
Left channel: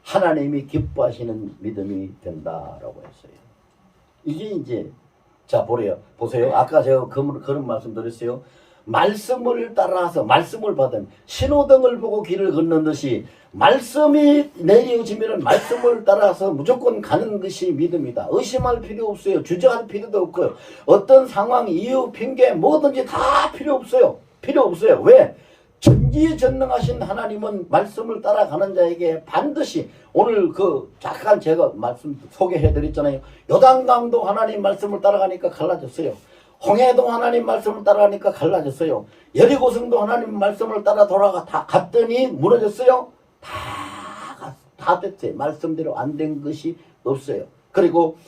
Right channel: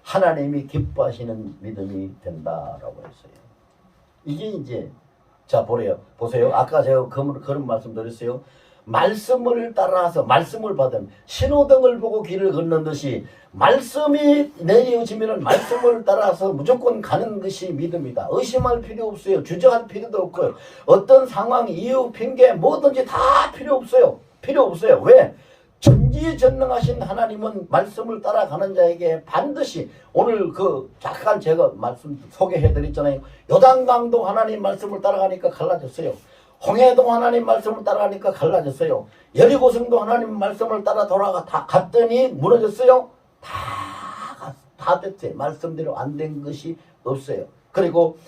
하나님이 기뻐하시는 믿음이 된다라고 했어요. 이게 이제 자 보세요. 아까 제가 그런 말씀 드렸어요. 말씀을 따라서 말씀을 받으면 신호등을 보고 길을 걷는 듯이 말씀이 내려지면 말씀을 따라서 무조건 가는 것이 믿음이다. 의심할 필요 없어요. 주저할 필요도 없고요. 어떤 상황, 이유, 핑계 뭐든지 다 필요 없어요. 필요 없어요. 왜? 전지전능하신 하나님은 말씀을 따라가는 자에게 반드시, 오늘 잠깐 제가 말씀 소개해드렸잖아요. 요단강도 하나님 말씀을 따라가니까 갈라졌어요. 홍해도 하나님 말씀을 따라가니까 갈라졌어요. 여리고성도 하나님 말씀을 따라 다 갔더니 무너졌어요. 다 됐어요. 말씀대로 안 된 것이 없어요. 그리고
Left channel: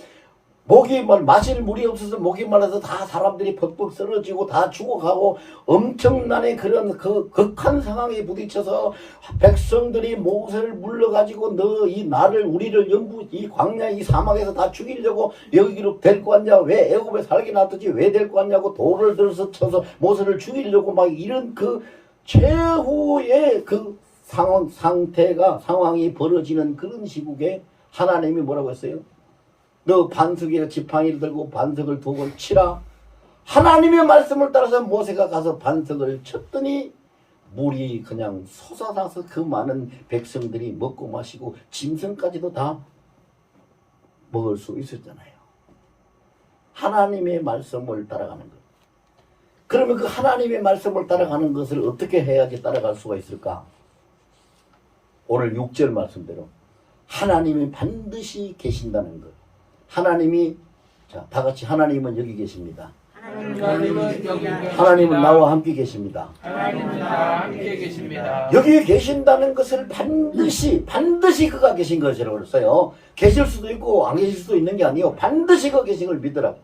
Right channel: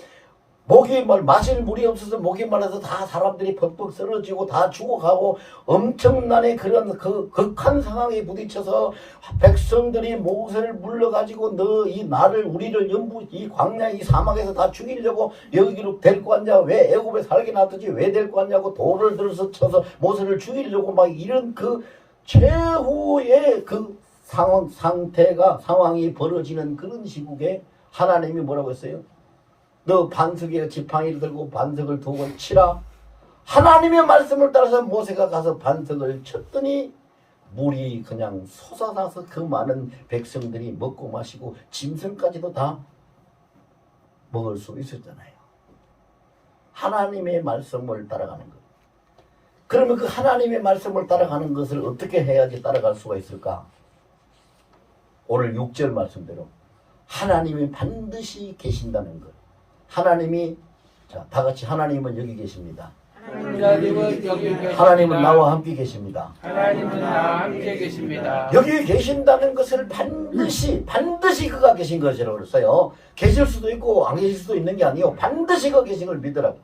마실 물이 없어서 목이 말라서 다 사람들이 벅벅 쓰러지고 다 죽어가고 엄청난 그런 극한 상황에 부딪혀서 백성들이 모세를 불러가지고 너 이 나를 우리를 영부 이 광야 이 사막에서 다 죽이려고 여기로 데리고 왔냐, 왜 애굽에 살게 놔두지 왜 데리고 왔냐고 돌을 들어서 쳐서 모세를 죽이려고 막 이런 최후의 상황이 벌어지는 그런 시국에 하나님이 뭐라고 했어요? 너 반석에 지팡이를 들고 반석을 두 번 치라. 하나님의 말씀을 따라서 모세가 가서 반석을 쳤더니 물이 그냥 솟아나서 그 많은 백성들이 먹고 마시고 짐승까지도 다 먹을 수 있었잖아요. 하나님의 말씀을 따라가는 것. 그러면 그 하나님의 말씀을 따라가는 것을 어떻게 해야지 따라갈 수가 있을까? 오늘 6절 말씀대로 하나님이 반드시 계신다는 것. 하나님이, 자, 다 같이 하나님은 여기 계십니다. 하나님은 나와 함께 계십니다. 하나님은 나와 함께 계십니다. 여기 계신다는 것을 반드시 그가 계신 것이라고 했어요. 계실 수도 있고 안 계실 수도 있는 게 아니에요. 반드시 그가 계신 걸 믿으라고.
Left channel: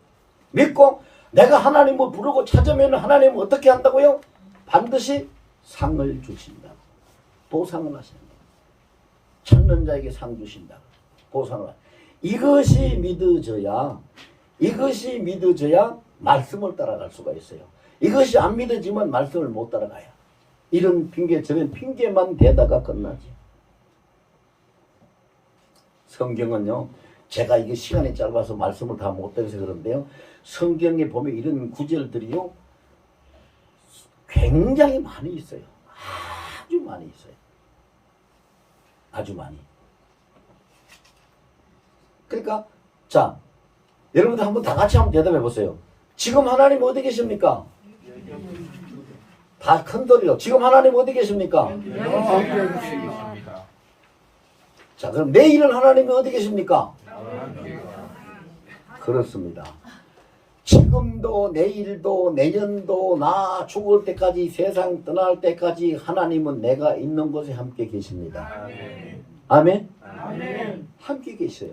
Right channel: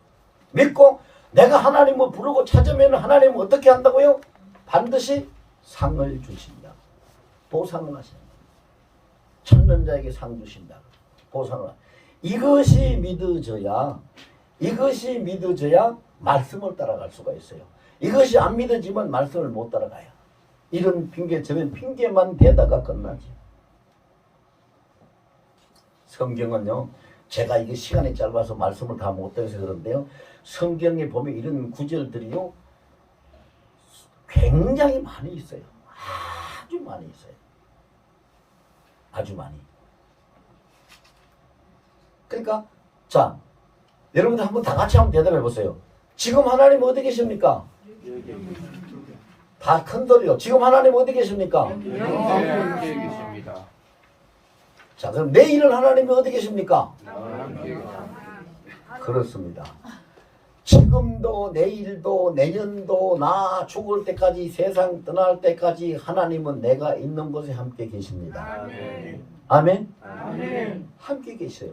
믿고 내가 하나님을 부르고 찾으면 하나님은 어떻게 한다고요? 반드시 상을 주신다고. 보상을 하신다. 찾는 자에게 상 주신다. 보상을. 이것이 믿어져야 말씀을 따라갈 수가 있어요. 이것이 안 믿어지면 말씀을 못 따라가요. 이런 핑계 저런 핑계만 대다가 끝나죠. 성경은요, 제가 이게 시간이 짧아서 말씀을 다 못해서 그런데요. 성경에 보면 이런 구절들이요. 굉장히 많이 있어요. 아주 많이 있어요. 아주 많이. 그러니까 자, 여러분들 한번 다 같이 한번 대답해 보세요. 지금 하나님 어디 계십니까? 다 큰 소리요. 지금 하나님 어디 계십니까? 계십니다. 자, 그럼 내일은 하나님이 어디 계십니까? 그렇습니다. 지금도 내일도 내년도 나 죽을 때까지 세상 떠날 때까지 하나님은 내가 있는 곳에 함께 계십니다. 아멘? 아멘. 함께 계셔요.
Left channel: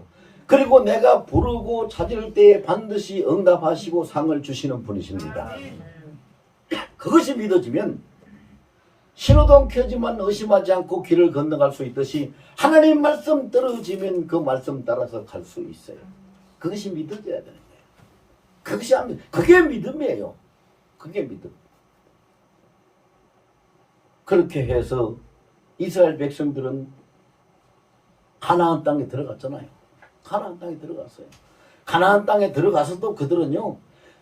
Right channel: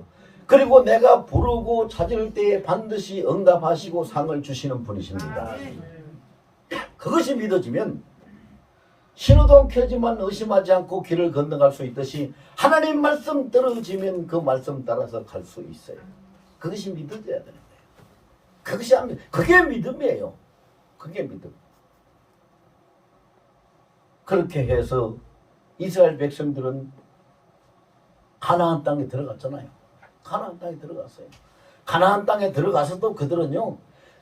그리고 내가 부르고 찾을 때 반드시 응답하시고 상을 주시는 분이십니다. 그것이 믿어지면 신호등 켜지만 의심하지 않고 길을 건너갈 수 있듯이 하나님 말씀 떨어지면 그 말씀 따라서 갈 수 있어요. 그것이 믿어져야 되는 거예요. 그것이 안 믿, 그게 믿음이에요. 그게 믿음. 그렇게 해서 이스라엘 백성들은 가나안 땅에 들어갔잖아요. 가나안 땅에 들어갔어요. 가나안 땅에 들어가서도 그들은요,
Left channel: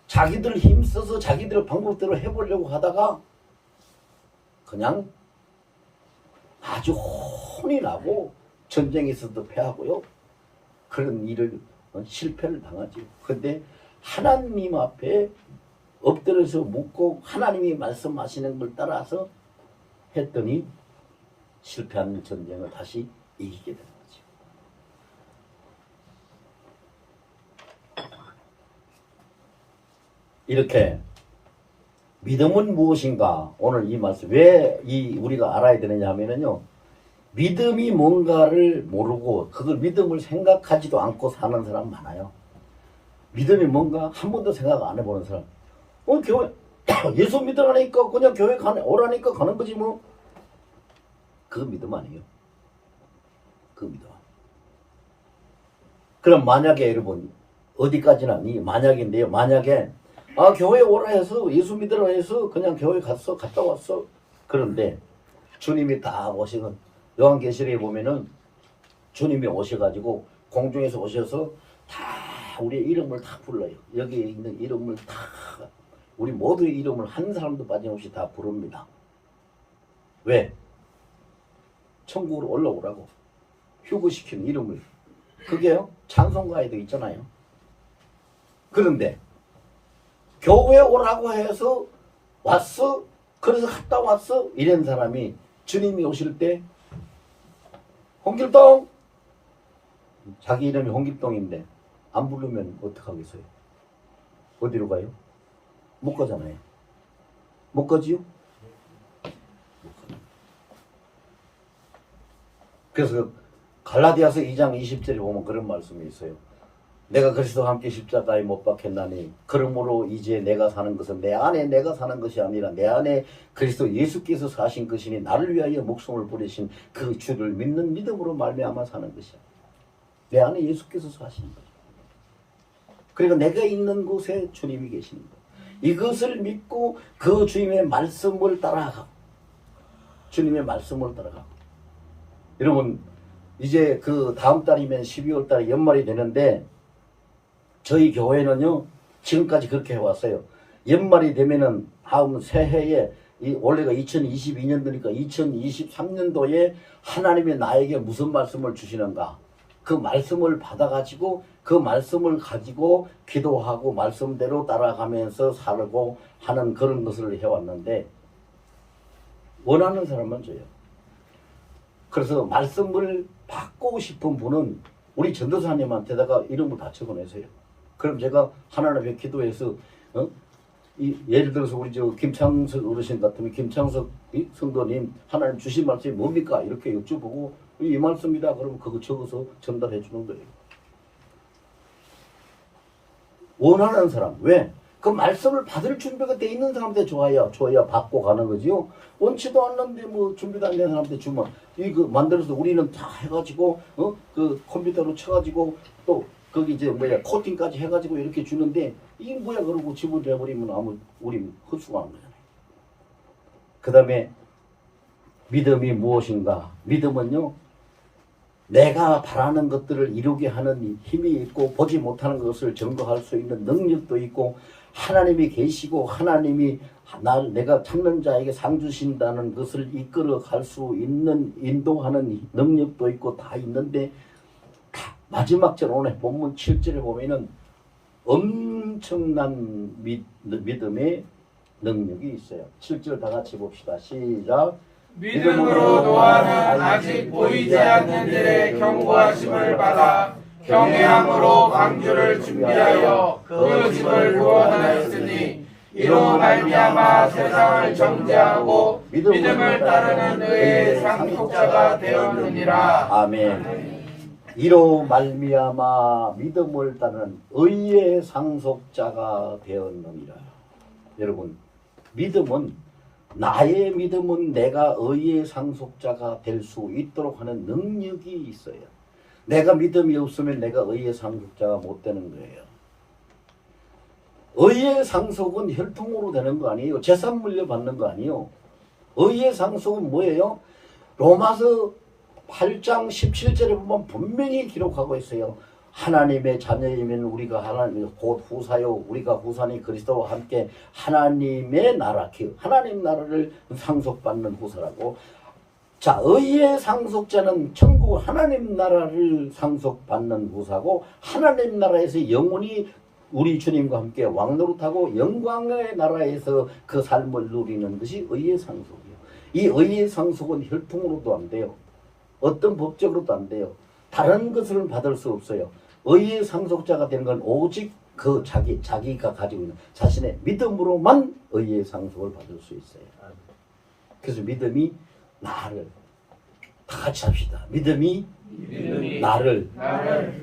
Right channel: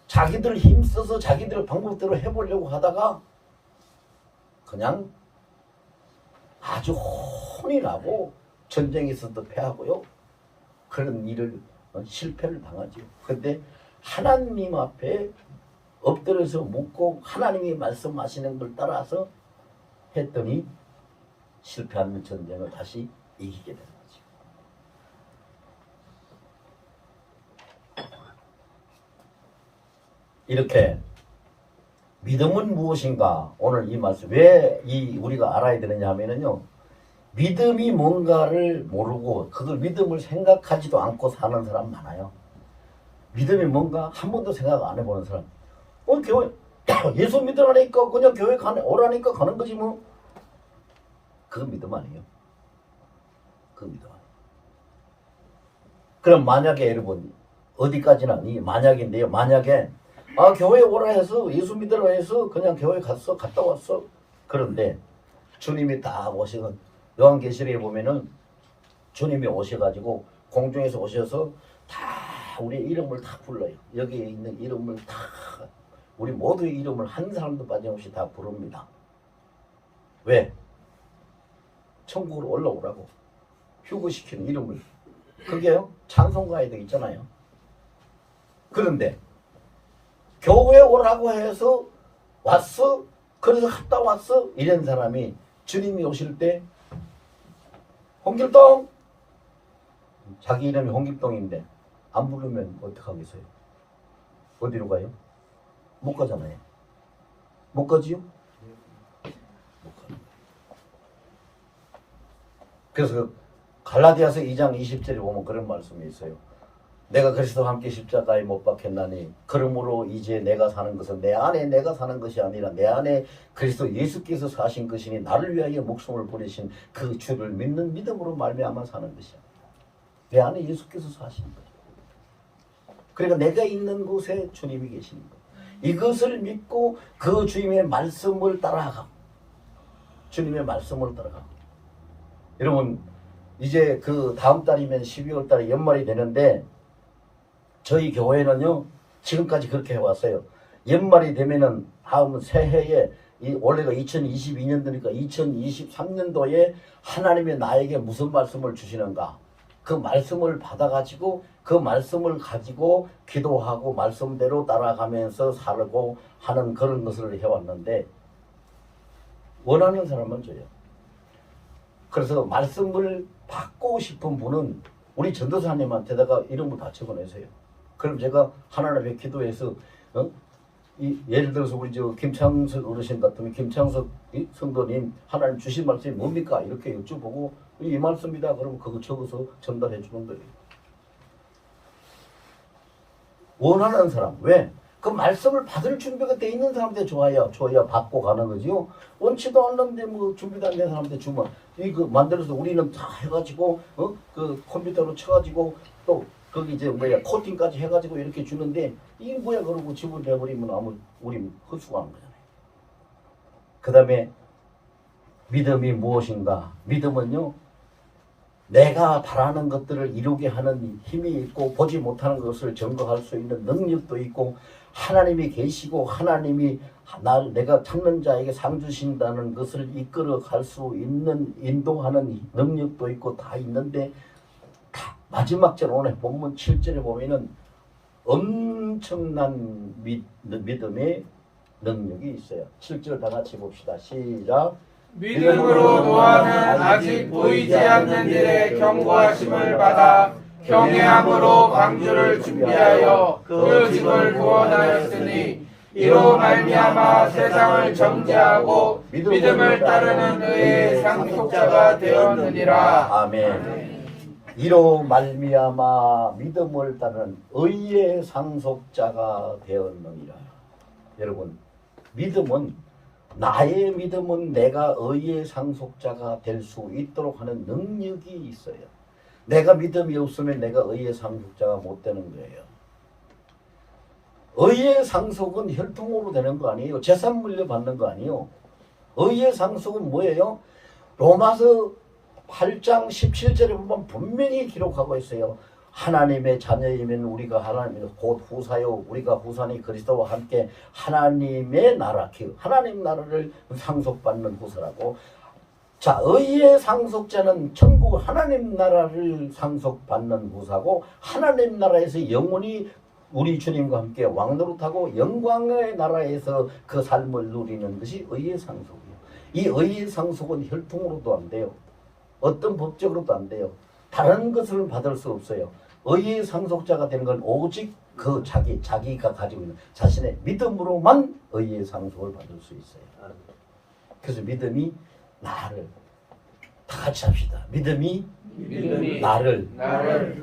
자기들 힘써서 자기들 방법대로 해보려고 하다가 그냥 아주 혼이나고 전쟁에서도 패하고요. 그런 일을 실패를 당하죠. 근데 하나님 앞에 엎드려서 묻고 하나님이 말씀하시는 걸 따라서 했더니 실패하는 전쟁을 다시 이기게 되는 거죠. 이렇게 믿음은 무엇인가? 오늘 이 말씀 왜 우리가 알아야 되느냐 하면은요, 믿음이 뭔가를 모르고 그걸 믿음을 생각하지도 않고 사는 사람 많아요. 믿음이 뭔가 한 번도 생각 안 해보는 사람. 교회 예수 믿으라니까 그냥 교회 오라니까 가는 거지 뭐. 그거 믿음 아니에요. 그거 믿음 아니에요. 그럼 만약에 여러분 어디까지나 만약인데요. 만약에 교회 오라 해서 예수 믿으라 해서 그냥 교회 갔다 왔어. 그런데 주님이 다 오시는 요한계시록에 보면은 주님이 오셔가지고 공중에서 오셔서 다 우리의 이름을 다 불러요. 여기에 있는 이름을 다 우리 모두의 이름을 한 사람도 빠짐없이 다 부릅니다. 왜? 천국으로 올라오라고 휴거시키는 이름을. 그게요 찬송가에도 있잖아요. 그런데 교회 오라고 해서 왔어? 그래서 갔다 왔어? 이런 사람이 주님이 오실 때 홍길동! 자기 이름이 홍길동인데 안 부르면 어떡하겠어요? 어디로 가요? 못 가잖아요. 못 가지요? 못 가는 거예요. 그래서 갈라디아서 2장 20절에 보면 그런 말씀이 있어요. 내가 그리스도와 함께 십자가에 못 박혔나니 그러므로 이제 내가 사는 것은 내 안에 내가 사는 것이 아니라 내 안에 그리스도 예수께서 사신 것이니 나를 위하여 목숨을 버리신 그 주를 믿는 믿음으로 말미암아 사는 것이야. 내 안에 예수께서 사시는 거야. 그러니까 내가 있는 곳에 주님이 계시는 거야. 이것을 믿고 그 주님의 말씀을 따라가고 주님의 말씀을 따라가고. 여러분 이제 그 다음 달이면 12월 달에 연말이 되는데 저희 교회는요 지금까지 그렇게 해왔어요. 연말이 되면은 다음 새해에 원래가 2022년도니까 2023년도에 하나님이 나에게 무슨 말씀을 주시는가, 그 말씀을 받아가지고 그 말씀을 가지고 기도하고 말씀대로 따라가면서 살고 하는 그런 것을 해왔는데 원하는 사람은 줘요. 그래서 말씀을 받고 싶은 분은 우리 전도사님한테다가 이름을 다 적어내세요. 그럼 제가 하나님 앞에 기도해서 예를 들어서 우리 김창석 어르신 같으면 김창석 성도님 하나님 주신 말씀이 뭡니까? 이렇게 여쭤보고 이 말씀이다 그러면 그거 적어서 전달해 주는 거예요. 원하는 사람. 왜? 그 말씀을 받을 준비가 돼 있는 사람한테 줘야 받고 가는 거지요. 원치도 않는데 뭐 준비도 안 된 사람한테 주면 이거 만들어서 우리는 다 해가지고 그 컴퓨터로 쳐가지고 또 거기 이제 코팅까지 해가지고 이렇게 주는데 이게 뭐야 그러고 집을 내버리면 아무 우리 헛수고하는 거잖아요. 그 다음에 믿음이 무엇인가? 믿음은요 내가 바라는 것들을 이루게 하는 힘이 있고 보지 못하는 것을 증거할 수 있는 능력도 있고 하나님이 계시고 하나님이 내가 찾는 자에게 상 주신다는 것을 이끌어 갈 수 있는 인도하는 능력도 있고 다 있는데 마지막 절 오늘 본문 7절에 보면은 엄청난 믿음의 능력이 있어요. 7절 다 같이 봅시다. 시작. 믿음으로 노아는 아직 보이지 않는 일에 경고하심을 받아 경외함으로 방주를 준비하여 그 집을 구원하였으니 이로 말미암아 세상을 정죄하고 믿음을 따르는 의의 상속자가 되었느니라. 아멘. 이로 말미암아 믿음을 따르는 의의 상속자가 되었느니라. 여러분, 나의 믿음은 내가 의의 상속자가 될 수 있도록 하는 능력이 있어요. 내가 믿음이 없으면 내가 의의 상속자가 못 되는 거예요. 의의 상속은 혈통으로 되는 거 아니에요. 재산 물려받는 거 아니에요. 의의 상속은 뭐예요? 로마서 8장 17절에 보면 분명히 기록하고 있어요. 하나님의 자녀이면 우리가 하나님의 곧 후사요. 우리가 후사니 그리스도와 함께 하나님의 나라, 하나님 나라를 상속받는 후사라고. 자, 의의 상속자는 천국 하나님 나라를 상속받는 후사고 하나님 나라에서 영원히 우리 주님과 함께 왕노릇하고 영광의 나라에서 그 삶을 누리는 것이 의의 상속이에요. 이 의의 상속은 혈통으로도 안 돼요. 어떤 법적으로도 안 돼요. 다른 것을 받을 수 없어요. 의의 상속자가 되는 건 오직 그 자기가 가지고 있는 자신의 믿음으로만 의의 상속을 받을 수 있어요. 그래서 믿음이 나를 다 같이 합시다. 믿음이 나를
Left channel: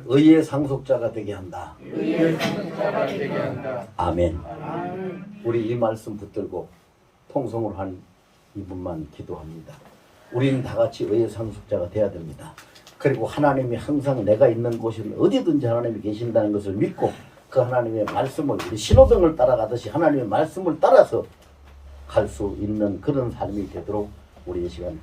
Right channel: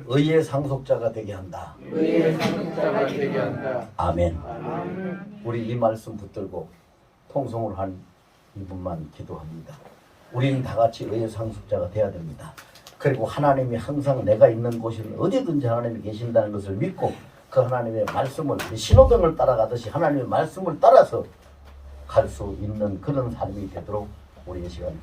의의 상속자가 되게 한다. 의의 상속자가 되게 한다. 아멘. 우리 이 말씀 붙들고 통성을 한 이분만 기도합니다. 우리는 다 같이 의의 상속자가 되어야 됩니다. 그리고 하나님이 항상 내가 있는 곳은 어디든지 하나님이 계신다는 것을 믿고 그 하나님의 말씀을 우리 신호등을 따라가듯이 하나님의 말씀을 따라서 갈 수 있는 그런 삶이 되도록 우리 이 시간